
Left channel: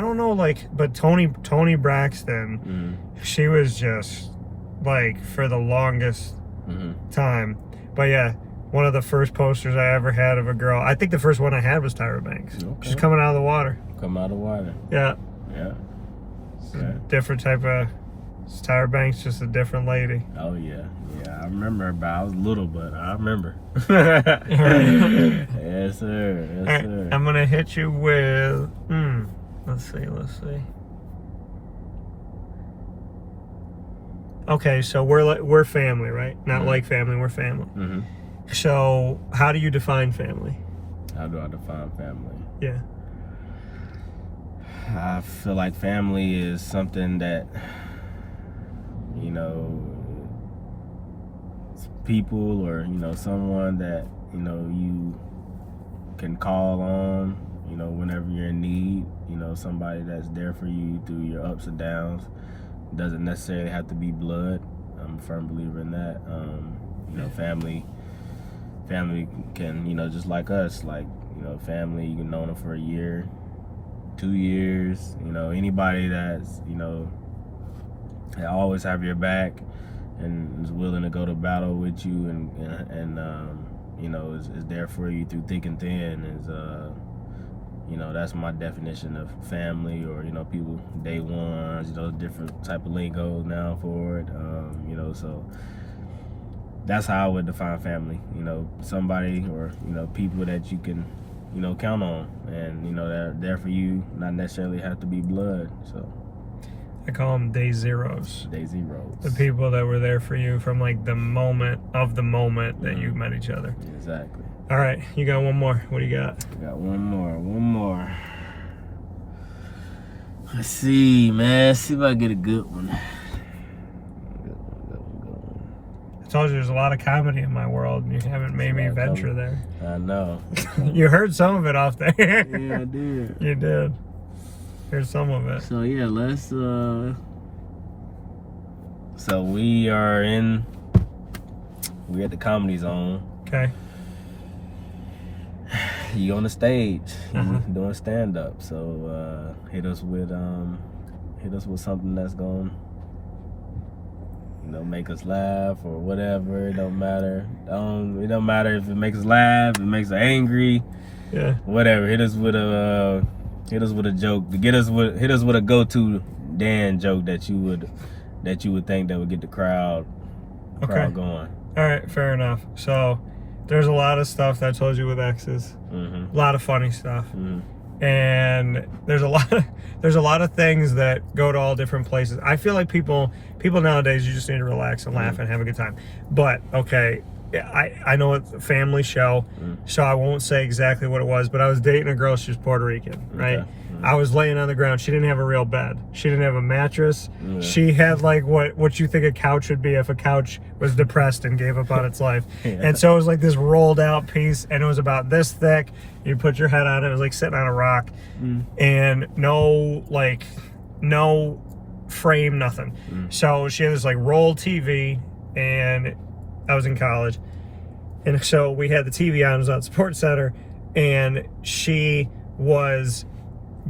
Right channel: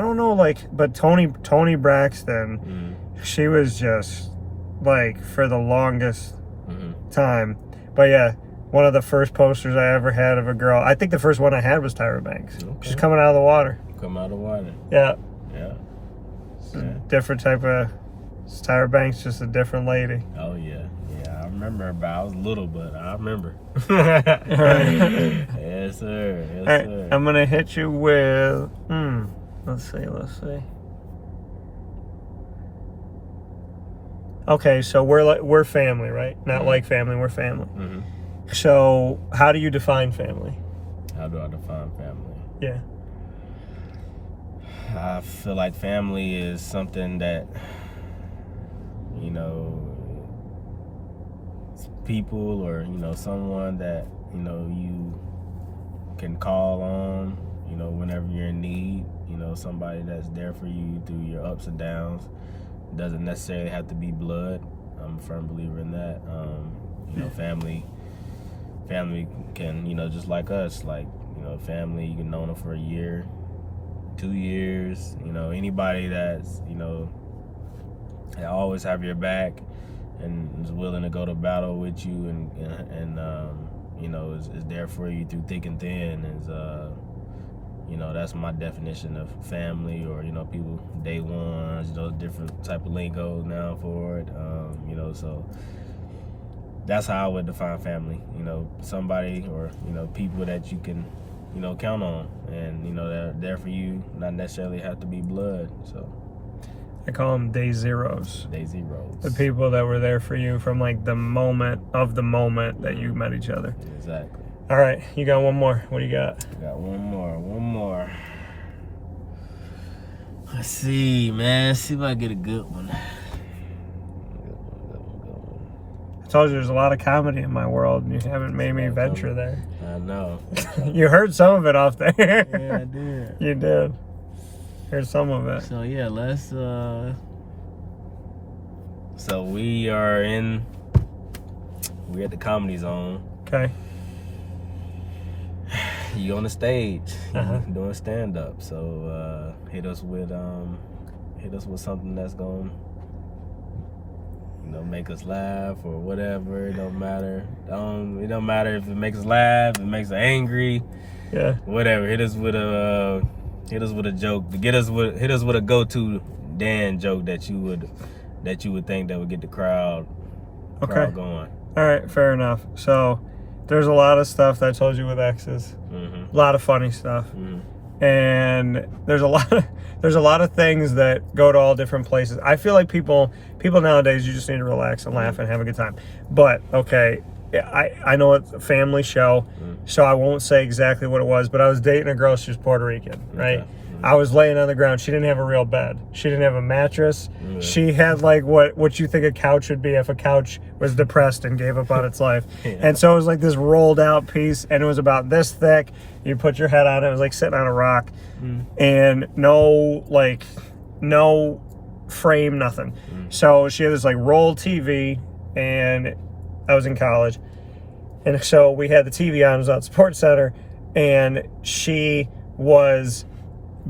don't know, like, but Toni Braxton, she was just like for the longest time. But yeah, one of the first posters I ever had of a girl. I think the first one I had was Tyra Banks. She's coming out of the water. Yeah. Different type of... Tyra Banks, just a different lady. Oh yeah, I remember, but I was little, but I remember. Yes, sir. All right, I'm gonna hit you with. Let's see. Okay, so we're family, right? Not like family, we're family. So, how do you define family? How do I define family? Yeah. I feel like family is something that, you know, people or, you know, someone that, you know, you can call on, you know, whenever you're in need, you know, somebody that's there for you through your ups and downs. It doesn't necessarily have to be blood. I'm a firm believer in that. You know, family can, you know, just like us, like, you know, family, you can know them for a year, 2 years, you know, anybody that's, you know, they always have your back and is willing to go to battle with you and you know, is there for you through thick and thin. Is you know, that's my definition of family, or, you know, people day ones, you know, different type of lingo now for it. You know, so that's how I would define family. You know, somebody or, you know, people that you can, you know, count on, and, you know, they're there for you, not necessarily have to be blood. So I call them day zeros. Day zeros. The people that were there for you from like the moment that you met each other. Exactly. All right, you got one more. What do you got? Got one more. Let's see, man. See if I get a good one. I told you there's a lot of comedy in my world, and you haven't made me venture there. I know. You heard some of it off there. Yeah, I did. You did. Heard some of it. So yeah, let's so we're at the Comedy Zone. Okay. You on the stage, doing stand up. So hit us with something that's gonna, you know, make us laugh or whatever. It don't matter. It don't matter if it makes us laugh, if it makes us angry. Yeah. Whatever. Hit us with a joke. Hit us with a go-to Dan joke that you would think that would get the crowd going. All right, fair enough. So there's a lot of stuff that I told you with exes. A lot of funny stuff. And there's a lot of things that go to all different places. I feel like people nowadays, you just need to relax and laugh and have a good time. But okay, I know it's a family show, so I won't say exactly what it was, but I was dating a girl, she was Puerto Rican, right? I was laying on the ground. She didn't have a real bed. She didn't have a mattress. She had like what you think a couch would be if a couch was depressed and gave up on its life. And so it was like this rolled out piece, and it was about this thick. You put your head on it. It was like sitting on a rock, and no frame, nothing. So she had this like roll TV, and I was in college, and so we had the TV on. It was on Sports Center, and she was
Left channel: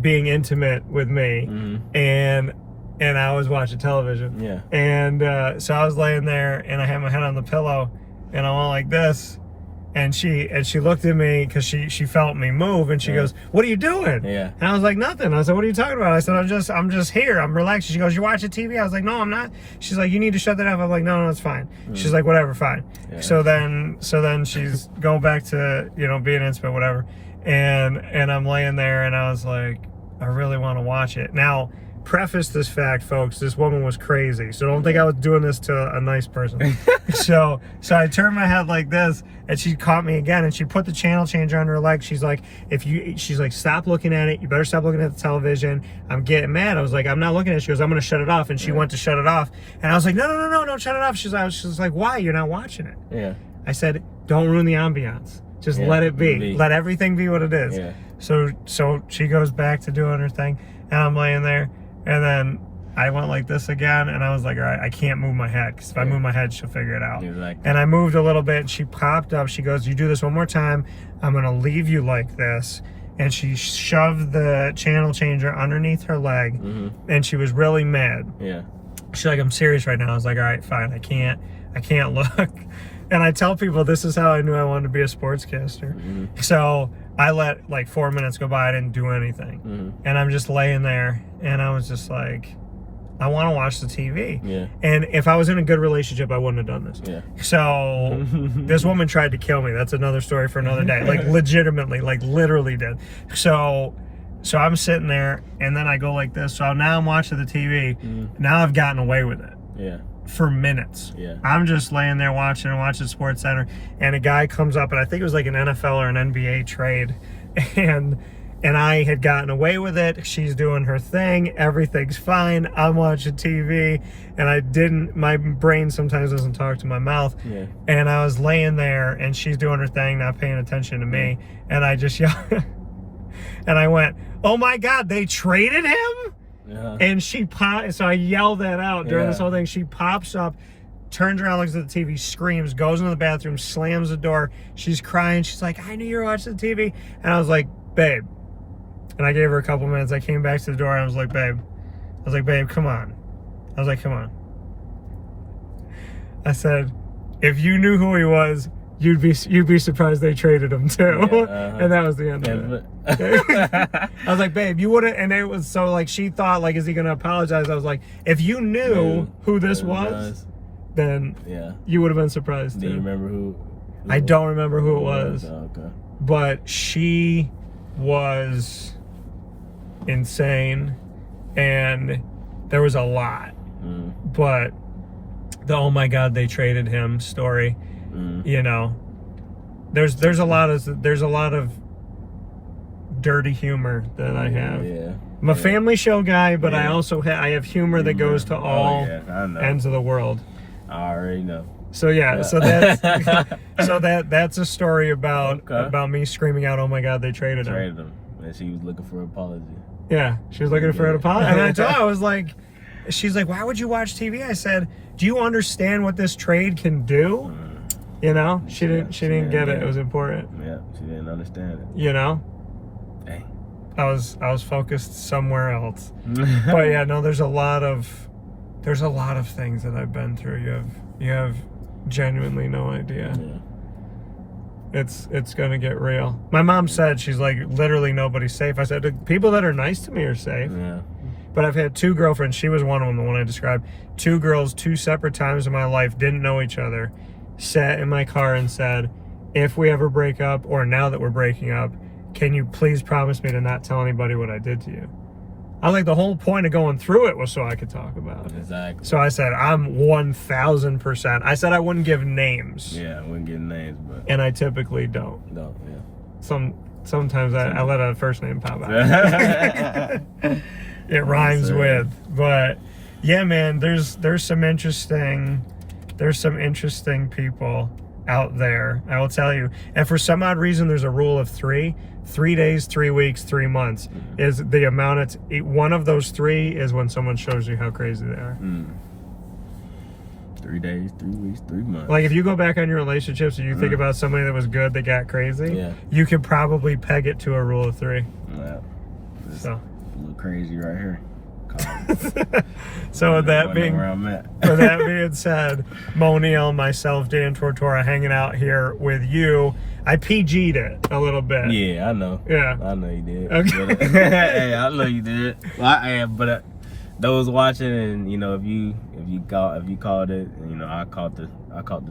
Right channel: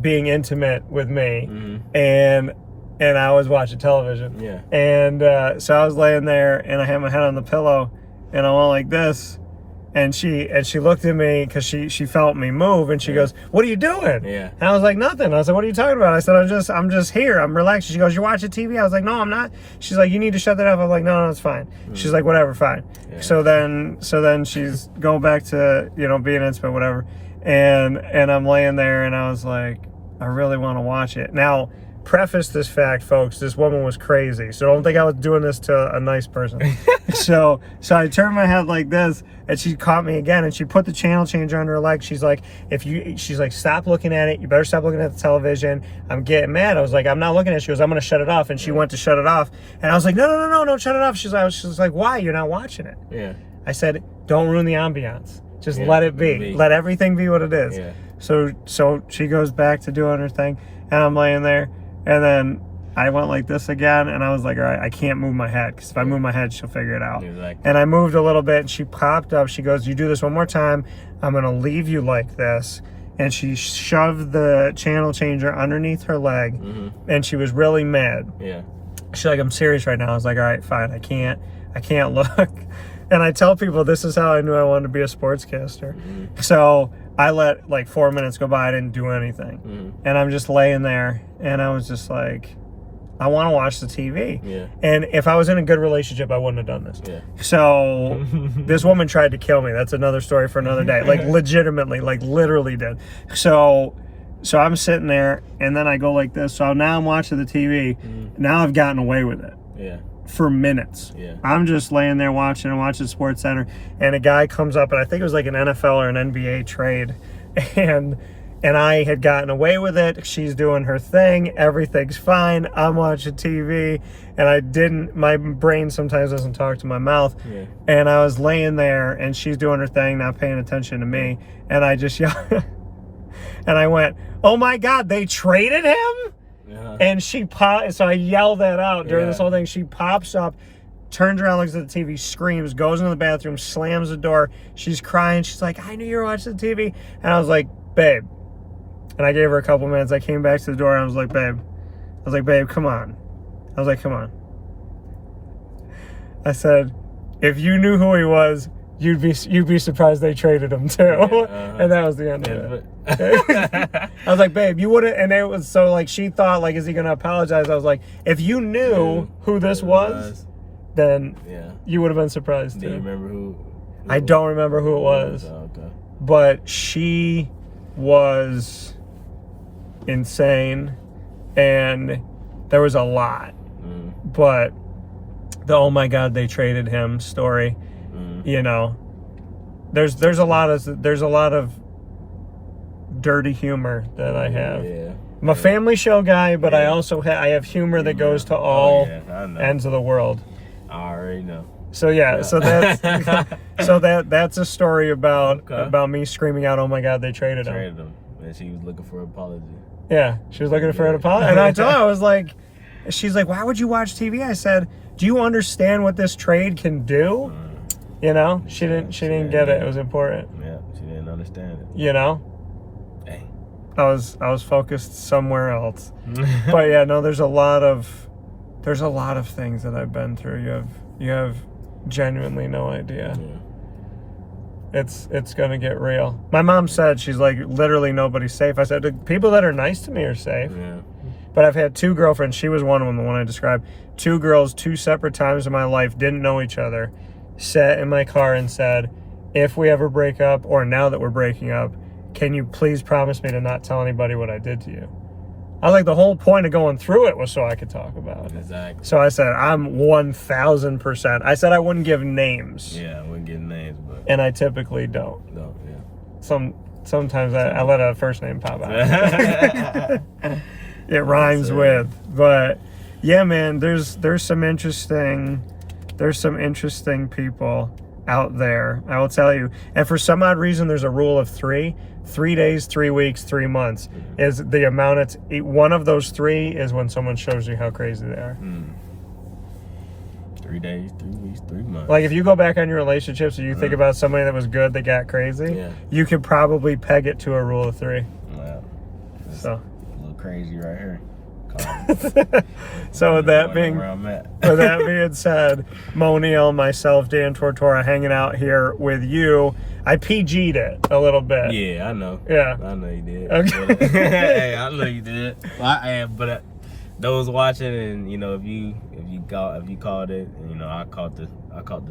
being intimate with me, and I was watching television. Yeah. And so I was laying there, and I had my head on the pillow, and I went like this, and she looked at me because she felt me move, and she goes, "What are you doing?" Yeah. And I was like, "Nothing." I said, "What are you talking about?" I said, I'm just here. I'm relaxed." She goes, "You're watching TV?" I was like, "No, I'm not." She's like, "You need to shut that up." I'm like, No, it's fine." She's like, "Whatever, fine." Yeah. So then she's going back to, being intimate, whatever. And I'm laying there, and I was like, I really want to watch it. Now, preface this fact, folks, this woman was crazy. So don't think I was doing this to a nice person. So I turned my head like this, and she caught me again, and she put the channel changer under her leg. She's like, "Stop looking at it. You better stop looking at the television." I'm getting mad. I was like, "I'm not looking at it." She goes, "I'm going to shut it off." And she went to shut it off. And I was like, No, don't shut it off. She's like, "Why? You're not watching it." Yeah. I said, "Don't ruin the ambiance. Just let it be. Let everything be what it is." Yeah. So she goes back to doing her thing, and I'm laying there, and then I went like this again, and I was like, all right, I can't move my head, because if I move my head, she'll figure it out. Exactly. And I moved a little bit, and she popped up. She goes, "You do this one more time, I'm going to leave you like this." And she shoved the channel changer underneath her leg, and she was really mad. Yeah. She's like, "I'm serious right now." I was like, all right, fine. I can't look. And I tell people this is how I knew I wanted to be a sportscaster. So I let like 4 minutes go by. I didn't do anything. And I'm just laying there, and I was just like, I want to watch the TV. Yeah. And if I was in a good relationship, I wouldn't have done this. Yeah. So this woman tried to kill me. That's another story for another day. Like legitimately, like literally did. So I'm sitting there, and then I go like this. So now I'm watching the TV. Now I've gotten away with it. Yeah. For minutes. Yeah. I'm just laying there watching Sports Center, and a guy comes up, and I think it was like an NFL or an NBA trade, and I had gotten away with it. She's doing her thing. Everything's fine. I'm watching TV, and my brain sometimes doesn't talk to my mouth. Yeah. And I was laying there, and she's doing her thing, not paying attention to me, and I just yelled, and I went, "Oh my God, they traded him?" And so I yelled that out during this whole thing. She pops up, turns around, looks at the TV, screams, goes into the bathroom, slams the door. She's crying. She's like, "I knew you were watching the TV." And I was like, "Babe." And I gave her a couple minutes. I came back to the door, and I was like, "Babe." "Come on." I was like, "Come on." I said, "If you knew who he was, you'd be surprised they traded him too." And that was the end of it. I was like, "Babe, you wouldn't," and it was so like she thought like, is he gonna apologize? I was like, if you knew who this was, then you would have been surprised too. Do you remember who? I don't remember who it was. Oh, okay. But she was insane, and there was a lot. But the "oh my God, they traded him" story, there's a lot of dirty humor that I have. Yeah. I'm a family show guy, but I also I have humor that goes to all ends of the world. I already know. So so that's a story about me screaming out, "Oh my God, they traded him." And she was looking for an apology. Yeah, she was looking for an apology. And I told her, I was like, she's like, "Why would you watch TV?" I said, "Do you understand what this trade can do?" She didn't get it. It was important. Yeah, she didn't understand it. Dang. I was focused somewhere else. But yeah, no, there's a lot of things that I've been through. You have genuinely no idea. Yeah. It's gonna get real. My mom said, she's like, literally nobody's safe. I said, the people that are nice to me are safe. Yeah. But I've had 2 girlfriends. She was one of them, the one I described. 2 girls, 2 separate times in my life, didn't know each other, sat in my car and said, "If we ever break up, or now that we're breaking up, can you please promise me to not tell anybody what I did to you?" I was like, the whole point of going through it was so I could talk about it. Exactly. So I said, I'm 1,000%. I said I wouldn't give names. Yeah, I wouldn't give names, but... And I typically don't. No, yeah. sometimes I let a first name pop out. It rhymes with, but yeah, man, there's some interesting people out there, I will tell you. And for some odd reason, there's a rule of 3 days, 3 weeks, 3 months is the amount. It's one of those 3 is when someone shows you how crazy they are. 3 days, 3 weeks, 3 months. Like if you go back on your relationships and you think about somebody that was good that got crazy, you could probably peg it to a rule of 3. Yeah. So a little crazy right here. So with that being said, Moe Neal, myself, Dan Tortora, hanging out here with you. I PG'd it a little bit. Yeah, I know. Yeah, I know you did. Okay. But, hey, I know you did. Well, I am, but those watching, and you know, if you called it, you know, I caught the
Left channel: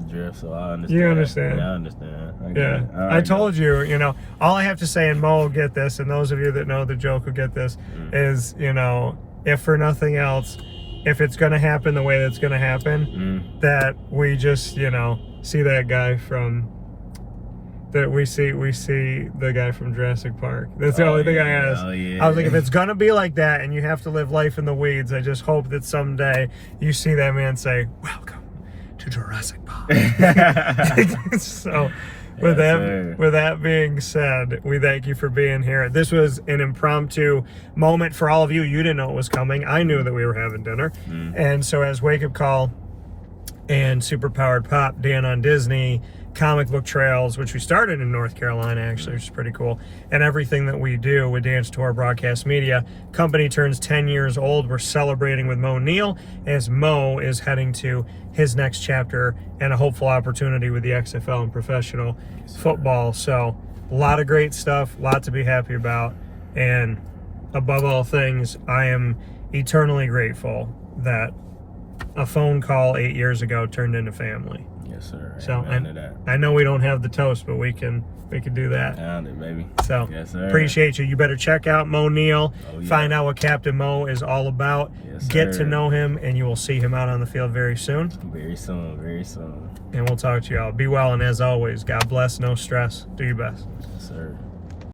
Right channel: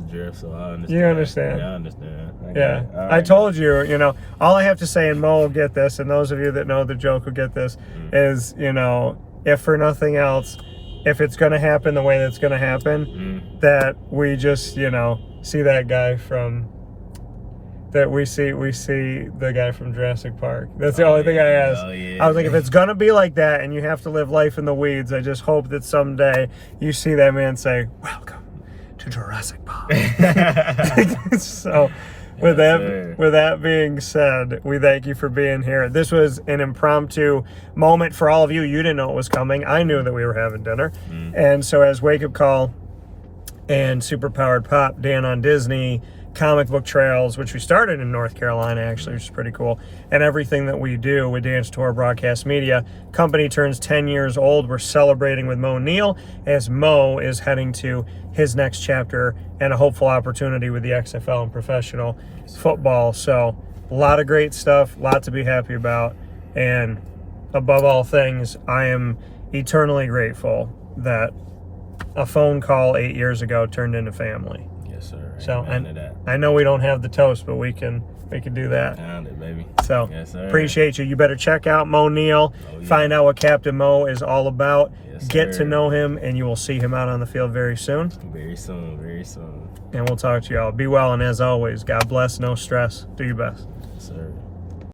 drift, so I understand. You understand? Yeah, I understand. Yeah, I told you. You know, all I have to say, and Mo will get this, and those of you that know the joke will get this, is, you know, if for nothing else, if it's going to happen the way that's going to happen, that we just, you know, see that guy from, that we see the guy from Jurassic Park. That's the only thing I asked. I was like, if it's going to be like that and you have to live life in the weeds, I just hope that someday you see that man say, "Welcome to Jurassic Park." So with that being said, we thank you for being here. This was an impromptu moment for all of you. You didn't know it was coming. I knew that we were having dinner. And so as Wake Up Call and Superpowered Pop, Dan on Disney, Comic Book Trails, which we started in North Carolina, actually, which is pretty cool, and everything that we do with Dan's Tour Broadcast Media, company turns 10 years old. We're celebrating with Moe Neal as Mo is heading to his next chapter and a hopeful opportunity with the XFL and professional football. So a lot of great stuff, a lot to be happy about. And above all things, I am eternally grateful that a phone call 8 years ago turned into family. Yes, sir. So I know we don't have the toast, but we can do that. Found it, baby. So yes, sir. Appreciate you. You better check out Moe Neal. Find out what Captain Mo is all about. Yes, get to know him, and you will see him out on the field very soon. Very soon, very soon. And we'll talk to you all. Be well, and as always, God bless, no stress. Do your best. Yes, sir.